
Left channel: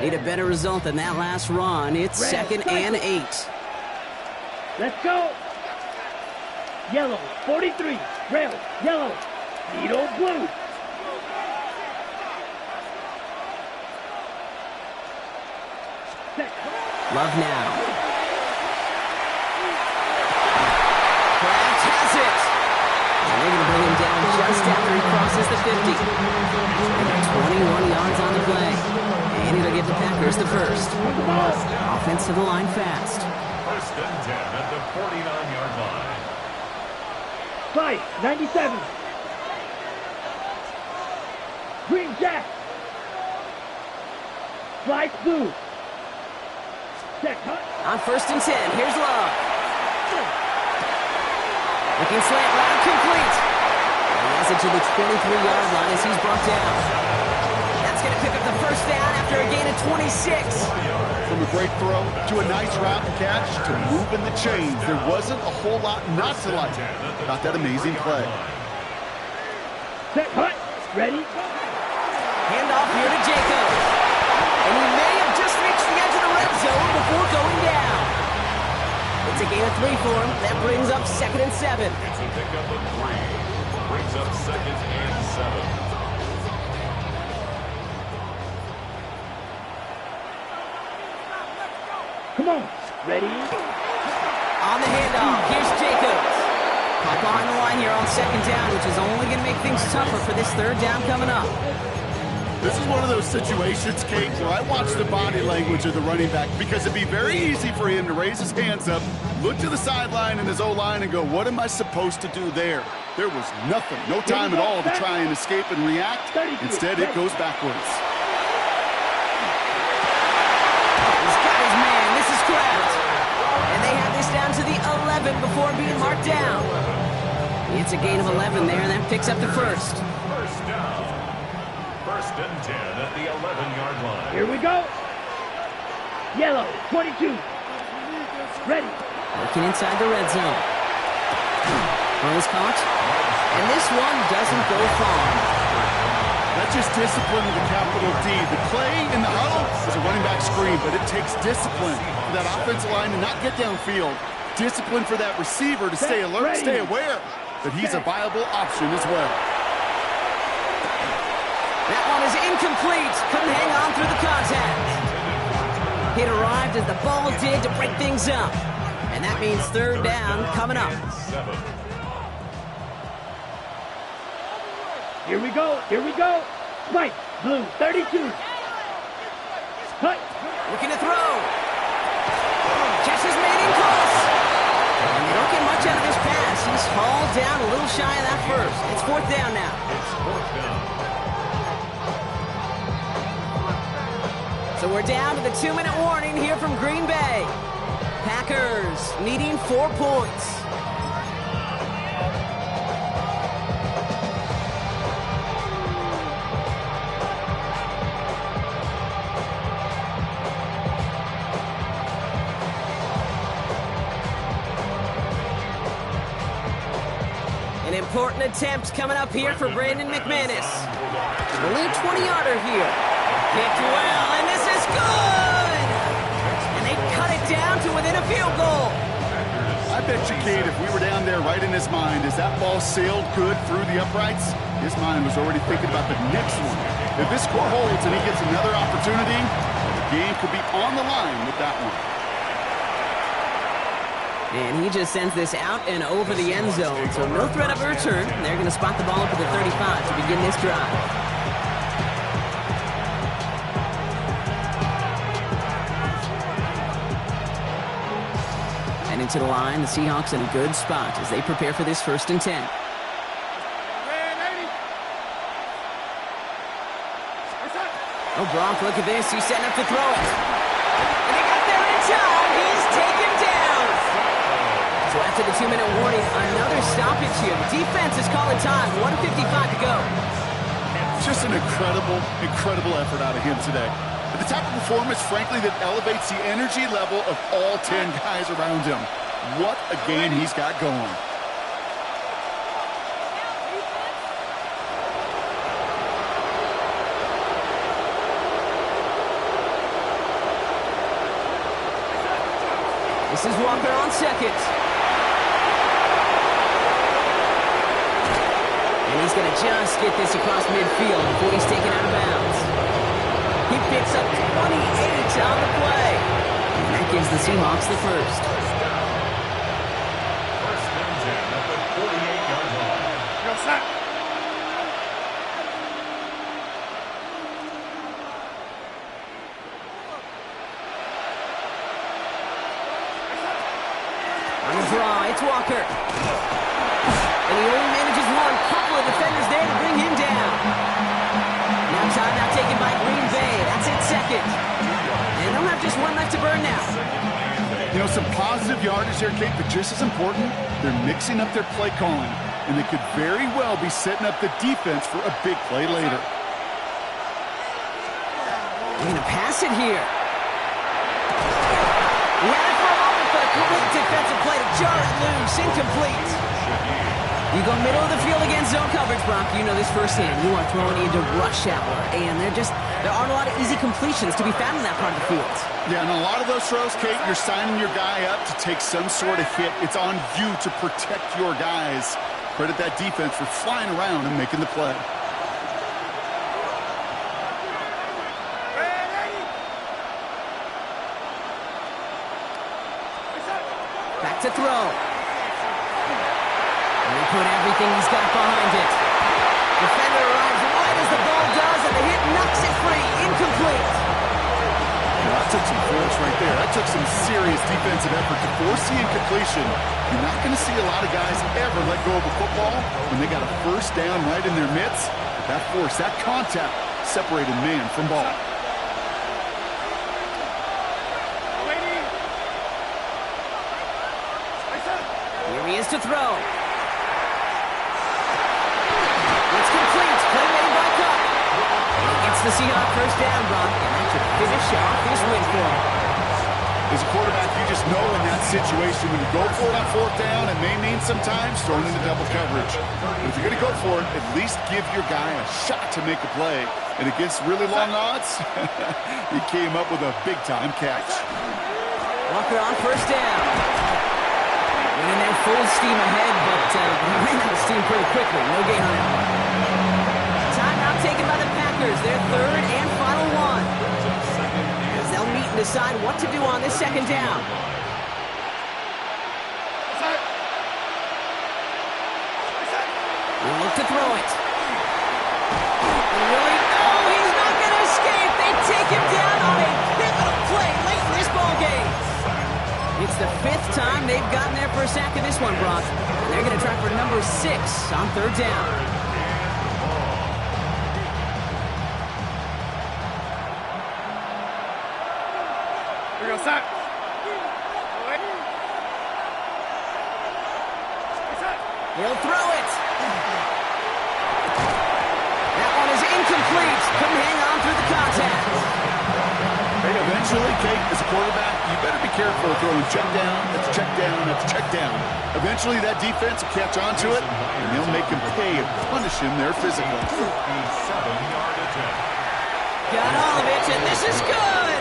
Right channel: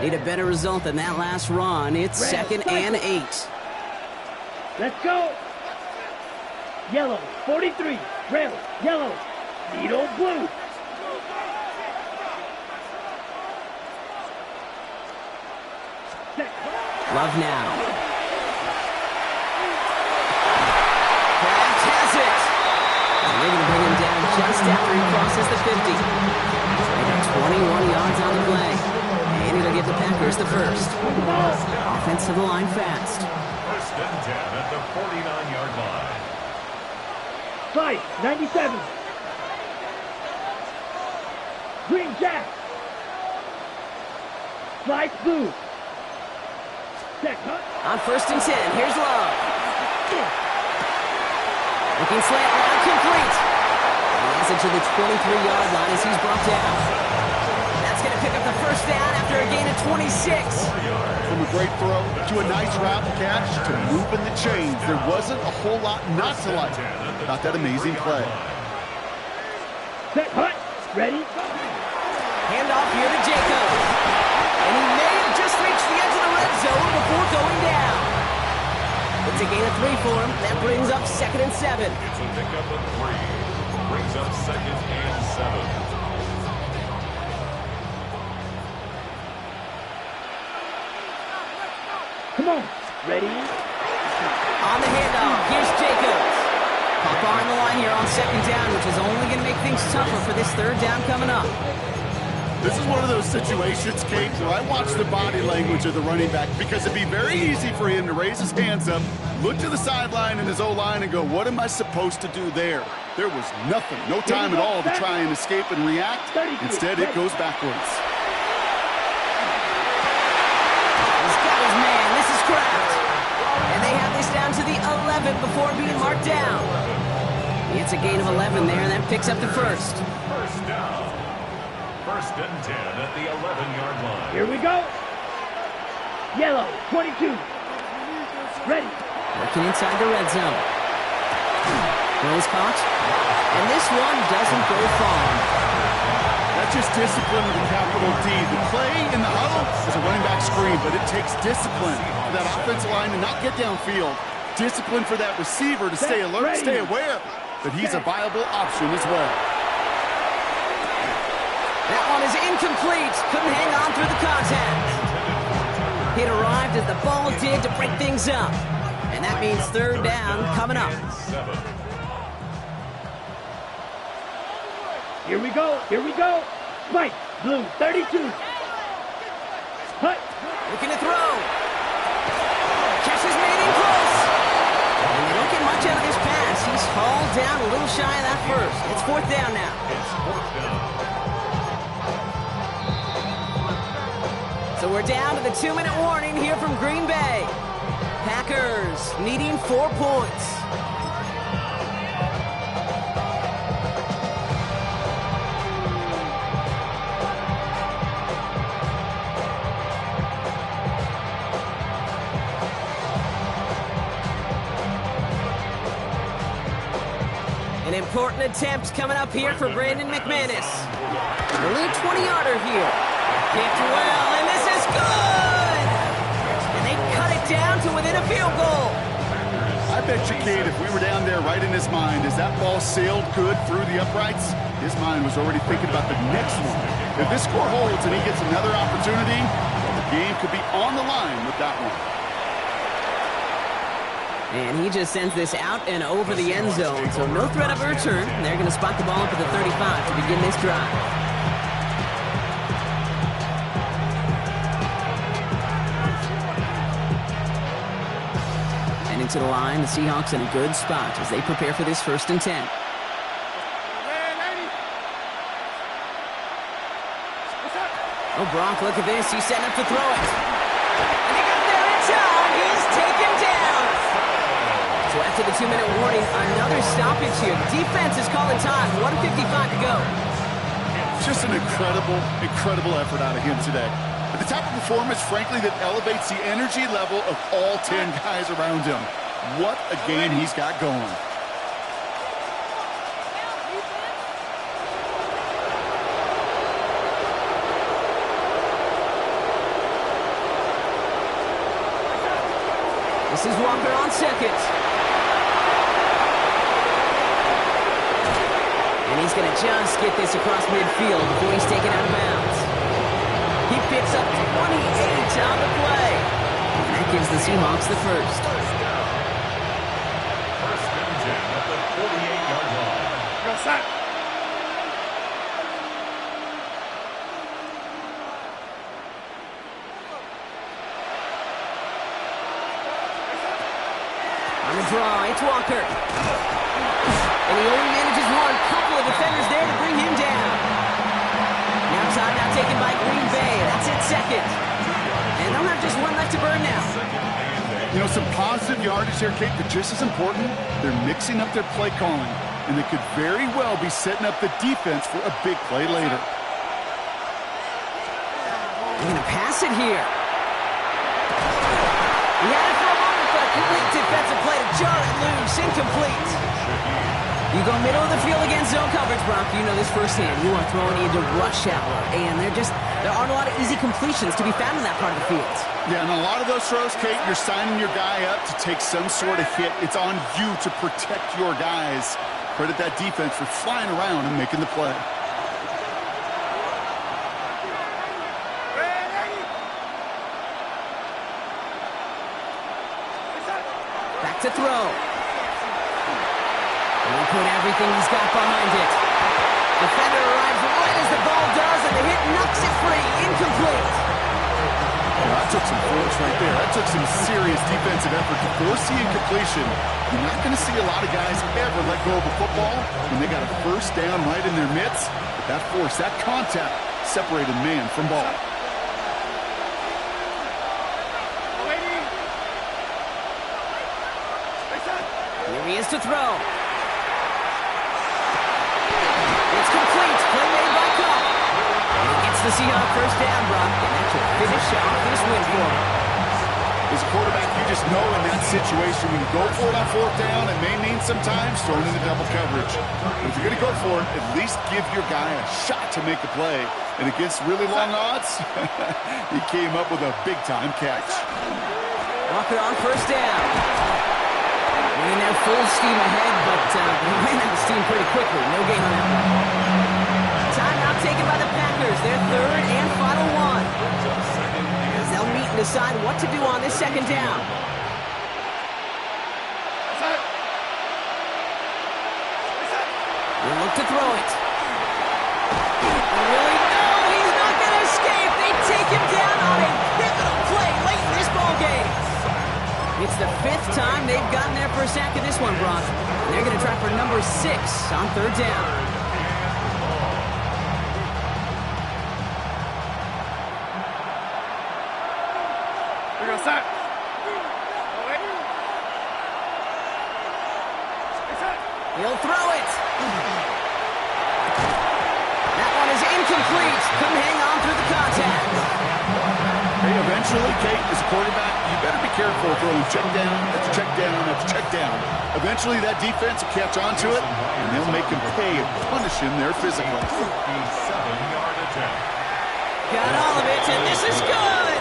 Need a better result than that last run. It's 2nd and 8. Let's go. Yellow, 43. Rail, yellow. Needle, blue. Love now. Kraft has it. And they're going to bring him down just after he crosses the 50. They got 21 yards on the play. And it'll give the Packers the first. Offense to the line fast. 1st and 10 at the 49-yard line. Slice, 97. Green Jack. Slice, blue. Set, cut. On 1st and 10, here's Love. Looking slant route, complete. And he has it to the 23-yard line as he's brought down. That's going to pick up the first down after a gain of 26. From a great throw to a nice route and catch to moving the chains, there wasn't a whole lot not to like about that amazing play. Set, cut. Ready. Handoff here to Jacobs. And he may have just reached the edge of the red zone before going down. It's a gain of 3 for him. That brings up 2nd and 7. It's a pickup of 3. Brings up 2nd and 7. Come on. Ready. On the handoff, here's Jacobs. Pop behind the line here on 2nd down, which is only going to make things tougher for this 3rd down coming up. This is one of those situations, Kate, where I watch the body language of the running back because it'd be very easy for him to raise his hands up, look to the sideline and his O-line and go, what am I supposed to do there? There was nothing, no time at all to try and escape and react. Instead, it goes backwards. He's got his man. This is Kraft. And they have this down to the 11 before being marked down. It's a gain of 11 there, and that picks up the first. First down. 1st and 10 at the 11-yard line. Here we go. Yellow, 22. Ready. Working inside the red zone. Throws caught. And this one doesn't go far. That's just discipline with a capital D. The play in the huddle is a running back screen, but it takes discipline for that offensive line to not get downfield. Discipline for that receiver to stay alert, stay aware that he's a viable option as well. That one is incomplete. Couldn't hang on through the contact. It arrived as the ball did to break things up. And that means 3rd down coming up. Here we go. Here we go. Spike, blue, 32. Hut. Looking to throw. Catch is made in close. And they don't get much out of this pass. He's hauled down a little shy of that first. It's 4th down now. It's 4th down. So we're down to the 2-minute warning here from Green Bay. Packers needing 4 points. An important attempt coming up here for Brandon McManus. Only a 20-yarder here. Kicked well, and this is good! And they cut it down to within a field goal. I bet you, Kate, if we were down there right in his mind, as that ball sailed good through the uprights, his mind was already thinking about the next one. If this score holds and he gets another opportunity, well, the game could be on the line with that one. And he just sends this out and over the end zone, so no threat of a return. They're going to spot the ball up at the 35 to begin this drive. And into the line, the Seahawks in a good spot as they prepare for this 1st and 10. Oh, Brock, look at this. He's setting up to throw it. And they got there in time. He's taken down. So after the 2-minute warning, another stoppage here. The defense is calling time. 1:55 to go. Just an incredible effort out of him today. But the type of performance, frankly, that elevates the energy level of all 10 guys around him. What a game he's got going. This is Walker on second. And he's going to just get this across midfield before he's taken out of bounds. He picks up 28 on the play. And that gives the Seahawks the first. First and 10 at the 48-yard line. Go, set. On the draw, it's Walker. And he only manages one. Couple of defenders there to bring him down. Now timeout taken by Green Bay. That's it, second. And they'll have just one left to burn now. You know, some positive yardage here, Kate, but just as important, they're mixing up their play calling. And they could very well be setting up the defense for a big play later. They're going to pass it here. He had it for a moment, but a great defensive play to jar it loose. Incomplete. You go middle of the field against zone coverage, Brock. You know this firsthand. You are throwing into rush hour, and there aren't a lot of easy completions to be found in that part of the field. Yeah, and a lot of those throws, Kate, you're signing your guy up to take some sort of hit. It's on you to protect your guys. Credit that defense for flying around and making the play. Back to throw. And he put everything he's got behind it. Defender arrives right as the ball does, and the hit knocks it free. Incomplete. Yeah, that took some force right there. That took some serious defensive effort to force the incompletion. You're not going to see a lot of guys ever let go of a football when they got a first down right in their midst. But that force, that contact, separated man from ball. Here he is to throw. It's complete. Play made by Cup. And he gets the Seahawks first down, Brock, and that should finish off this win for him. As a quarterback, you just know in that situation, when you go for it on 4th down, it may mean sometimes throwing into double coverage. But if you're going to go for it, at least give your guy a shot to make a play. And against really long odds, he came up with a big-time catch. Walker on first down. Went in there full steam ahead, but he ran out of steam pretty quickly. No gain on that one. Timeout taken by the Packers. Their 3rd and final one. As they'll meet and decide what to do on this 2nd down. He'll look to throw it. Will he? No, he's not going to escape. They take him down on a pivotal play late in this ballgame. It's the 5th time they've gotten there for a sack of this one, Brock. And they're going to try for number 6 on 3rd down. Here we go, set. He'll throw it. That one is incomplete. Couldn't hang on through the contact. Hey, eventually, Kate, as a quarterback, you better be careful throwing check down, that's check down, that's check down. Eventually, that defense will catch on to it, and they'll make him pay and punish him there physically. 57-yard attempt. Got all of it, and this is good.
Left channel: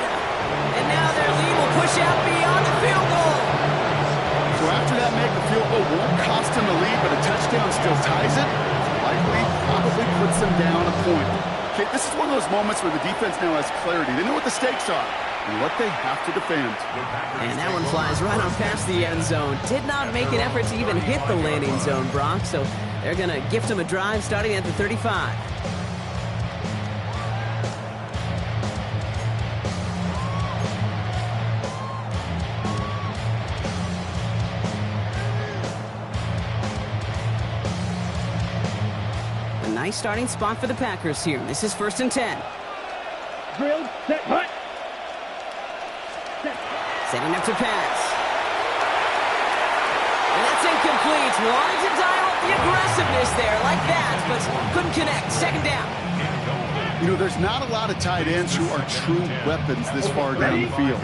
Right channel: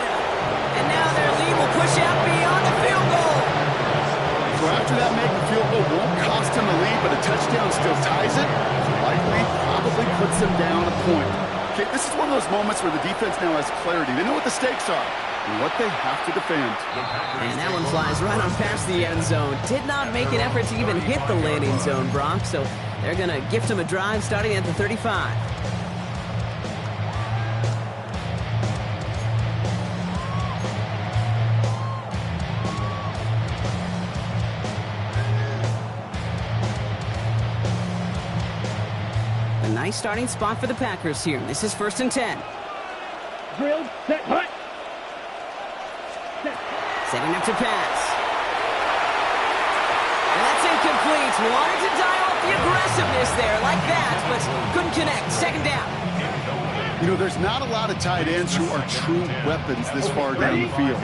And now their lead will push out beyond the field goal. So after that make, the field goal won't cost him the lead, but a touchdown still ties it. Likely, probably puts them down a point. Okay, this is one of those moments where the defense now has clarity. They know what the stakes are and what they have to defend. And that one flies right on past the end zone. Did not make an effort to even hit the landing zone, Brock, so they're going to gift him a drive starting at the 35. A nice starting spot for the Packers here. This is 1st and 10. Drilled, set, hut. Set. Setting up to pass. And that's incomplete. Wanted to dial up the aggressiveness there like that, but couldn't connect. 2nd down. You know, there's not a lot of tight ends who are true weapons this far down the field.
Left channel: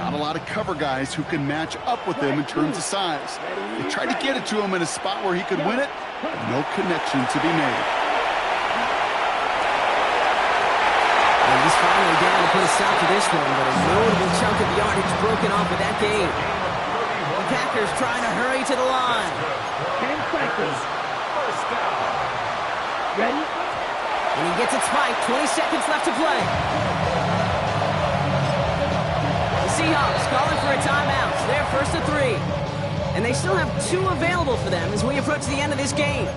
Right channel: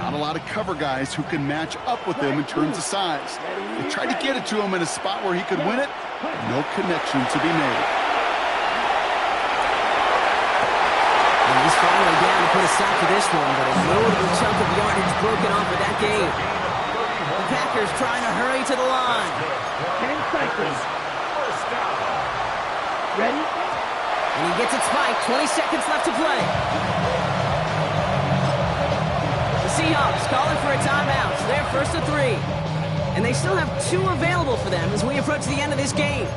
Not a lot of cover guys who can match up with them in terms of size. They tried to get it to him in a spot where he could win it. No connection to be made. And he's finally down to put a stop to this one, but a notable chunk of yardage broken off with that game. The Packers trying to hurry to the line. 10 seconds. First down. Ready? And he gets it spiked. 20 seconds left to play. The Seahawks calling for a timeout. They're 1st and 3. And they still have 2 available for them as we approach the end of this game.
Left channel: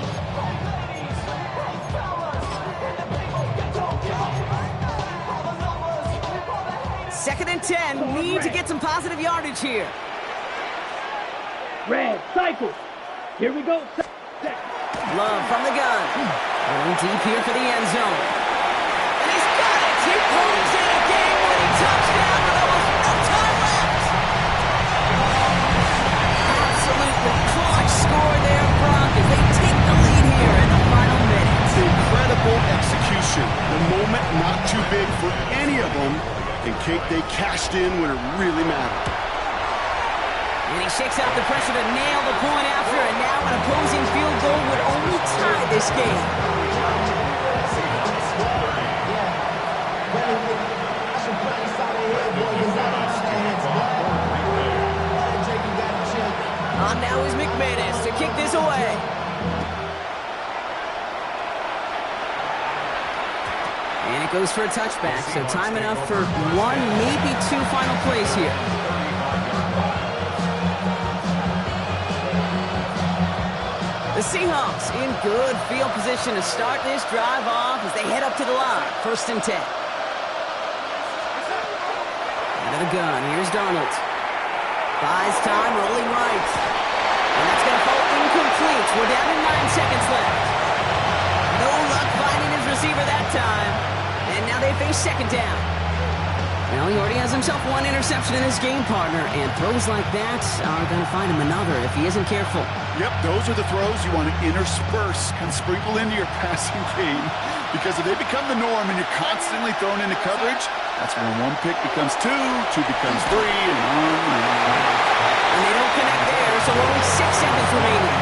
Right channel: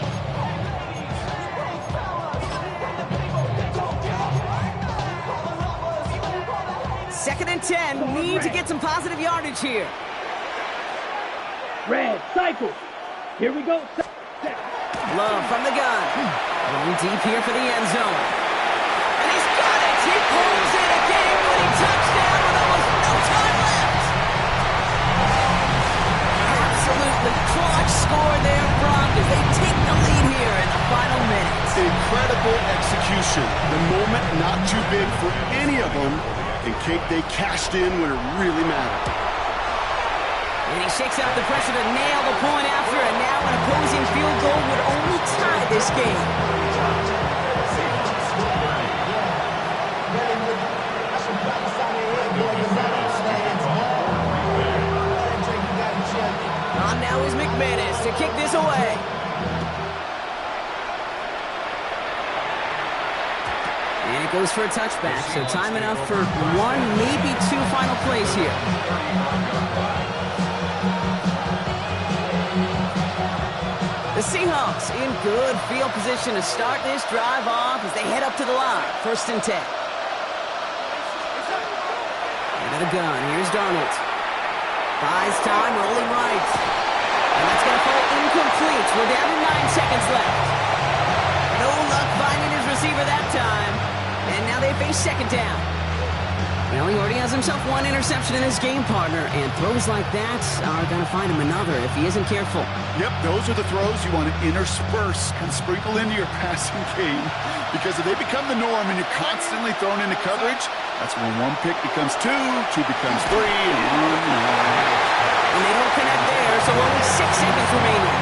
Second and 10. Need to get some positive yardage here. Red, cycle. Here we go. Set. Love from the gun. Going deep here for the end zone. And he's got it. He pulls in a game-winning touchdown with almost no time left. Absolutely clutch score there, Brock, as they take the lead here in the final minutes. Incredible execution. The moment not too big for any of them. And Kate, they cashed in when it really mattered. And he shakes out the pressure to nail the point after, and now an opposing field goal would only tie this game. On now is McManus to kick this away. And it goes for a touchback, so time enough for 1, maybe 2 final plays here. The Seahawks in good field position to start this drive off as they head up to the line. 1st and 10. Out of the gun, here's Darnold. Buys time, rolling right. And that's going to fall incomplete. We're down to 9 seconds left. No luck finding his receiver that time. And now they face 2nd down. Well, he already has himself 1 interception in his game, partner, and throws like that are going to find him another if he isn't careful. Yep, those are the throws you want to intersperse, kind of sprinkle into your passing game, because if they become the norm and you're constantly thrown into coverage, that's when 1 pick becomes 2, 2 becomes 3, and on and on. And they don't connect there, so only 6 seconds remaining.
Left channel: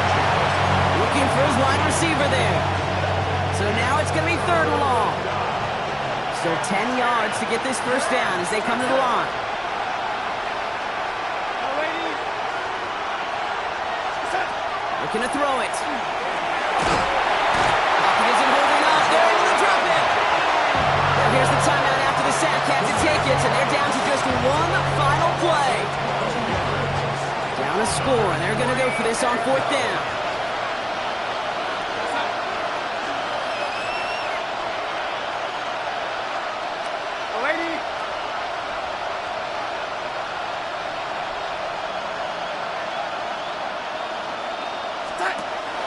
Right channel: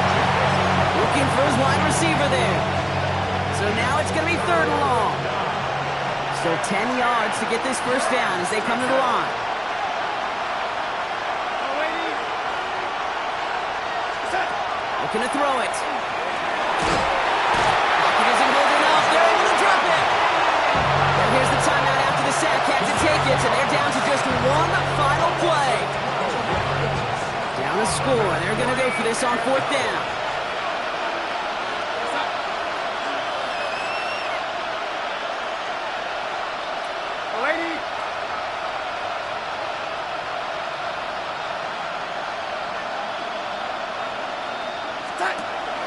Looking for his wide receiver there. So now it's going to be 3rd and long. Still 10 yards to get this 1st down as they come to the line. Looking to throw it. Pocket isn't holding up. They're able to drop it. Now here's the timeout after the sack. Had to take it, and they're down to just 1 final play. Down a score, and they're going to go for this on 4th down.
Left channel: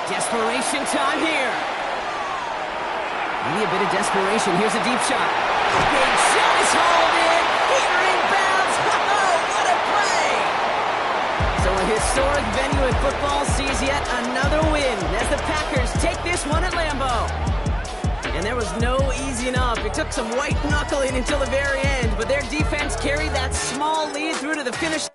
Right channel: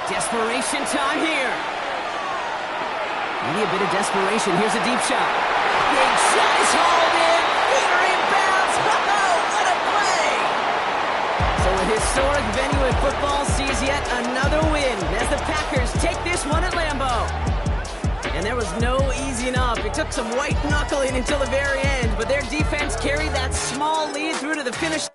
Desperation time here. Maybe a bit of desperation. Here's a deep shot. Big shot is hauled in. Peter inbounds. Oh, what a play. So a historic venue in football sees yet another win as the Packers take this one at Lambeau. And there was no easing up. It took some white knuckling until the very end, but their defense carried that small lead through to the finish.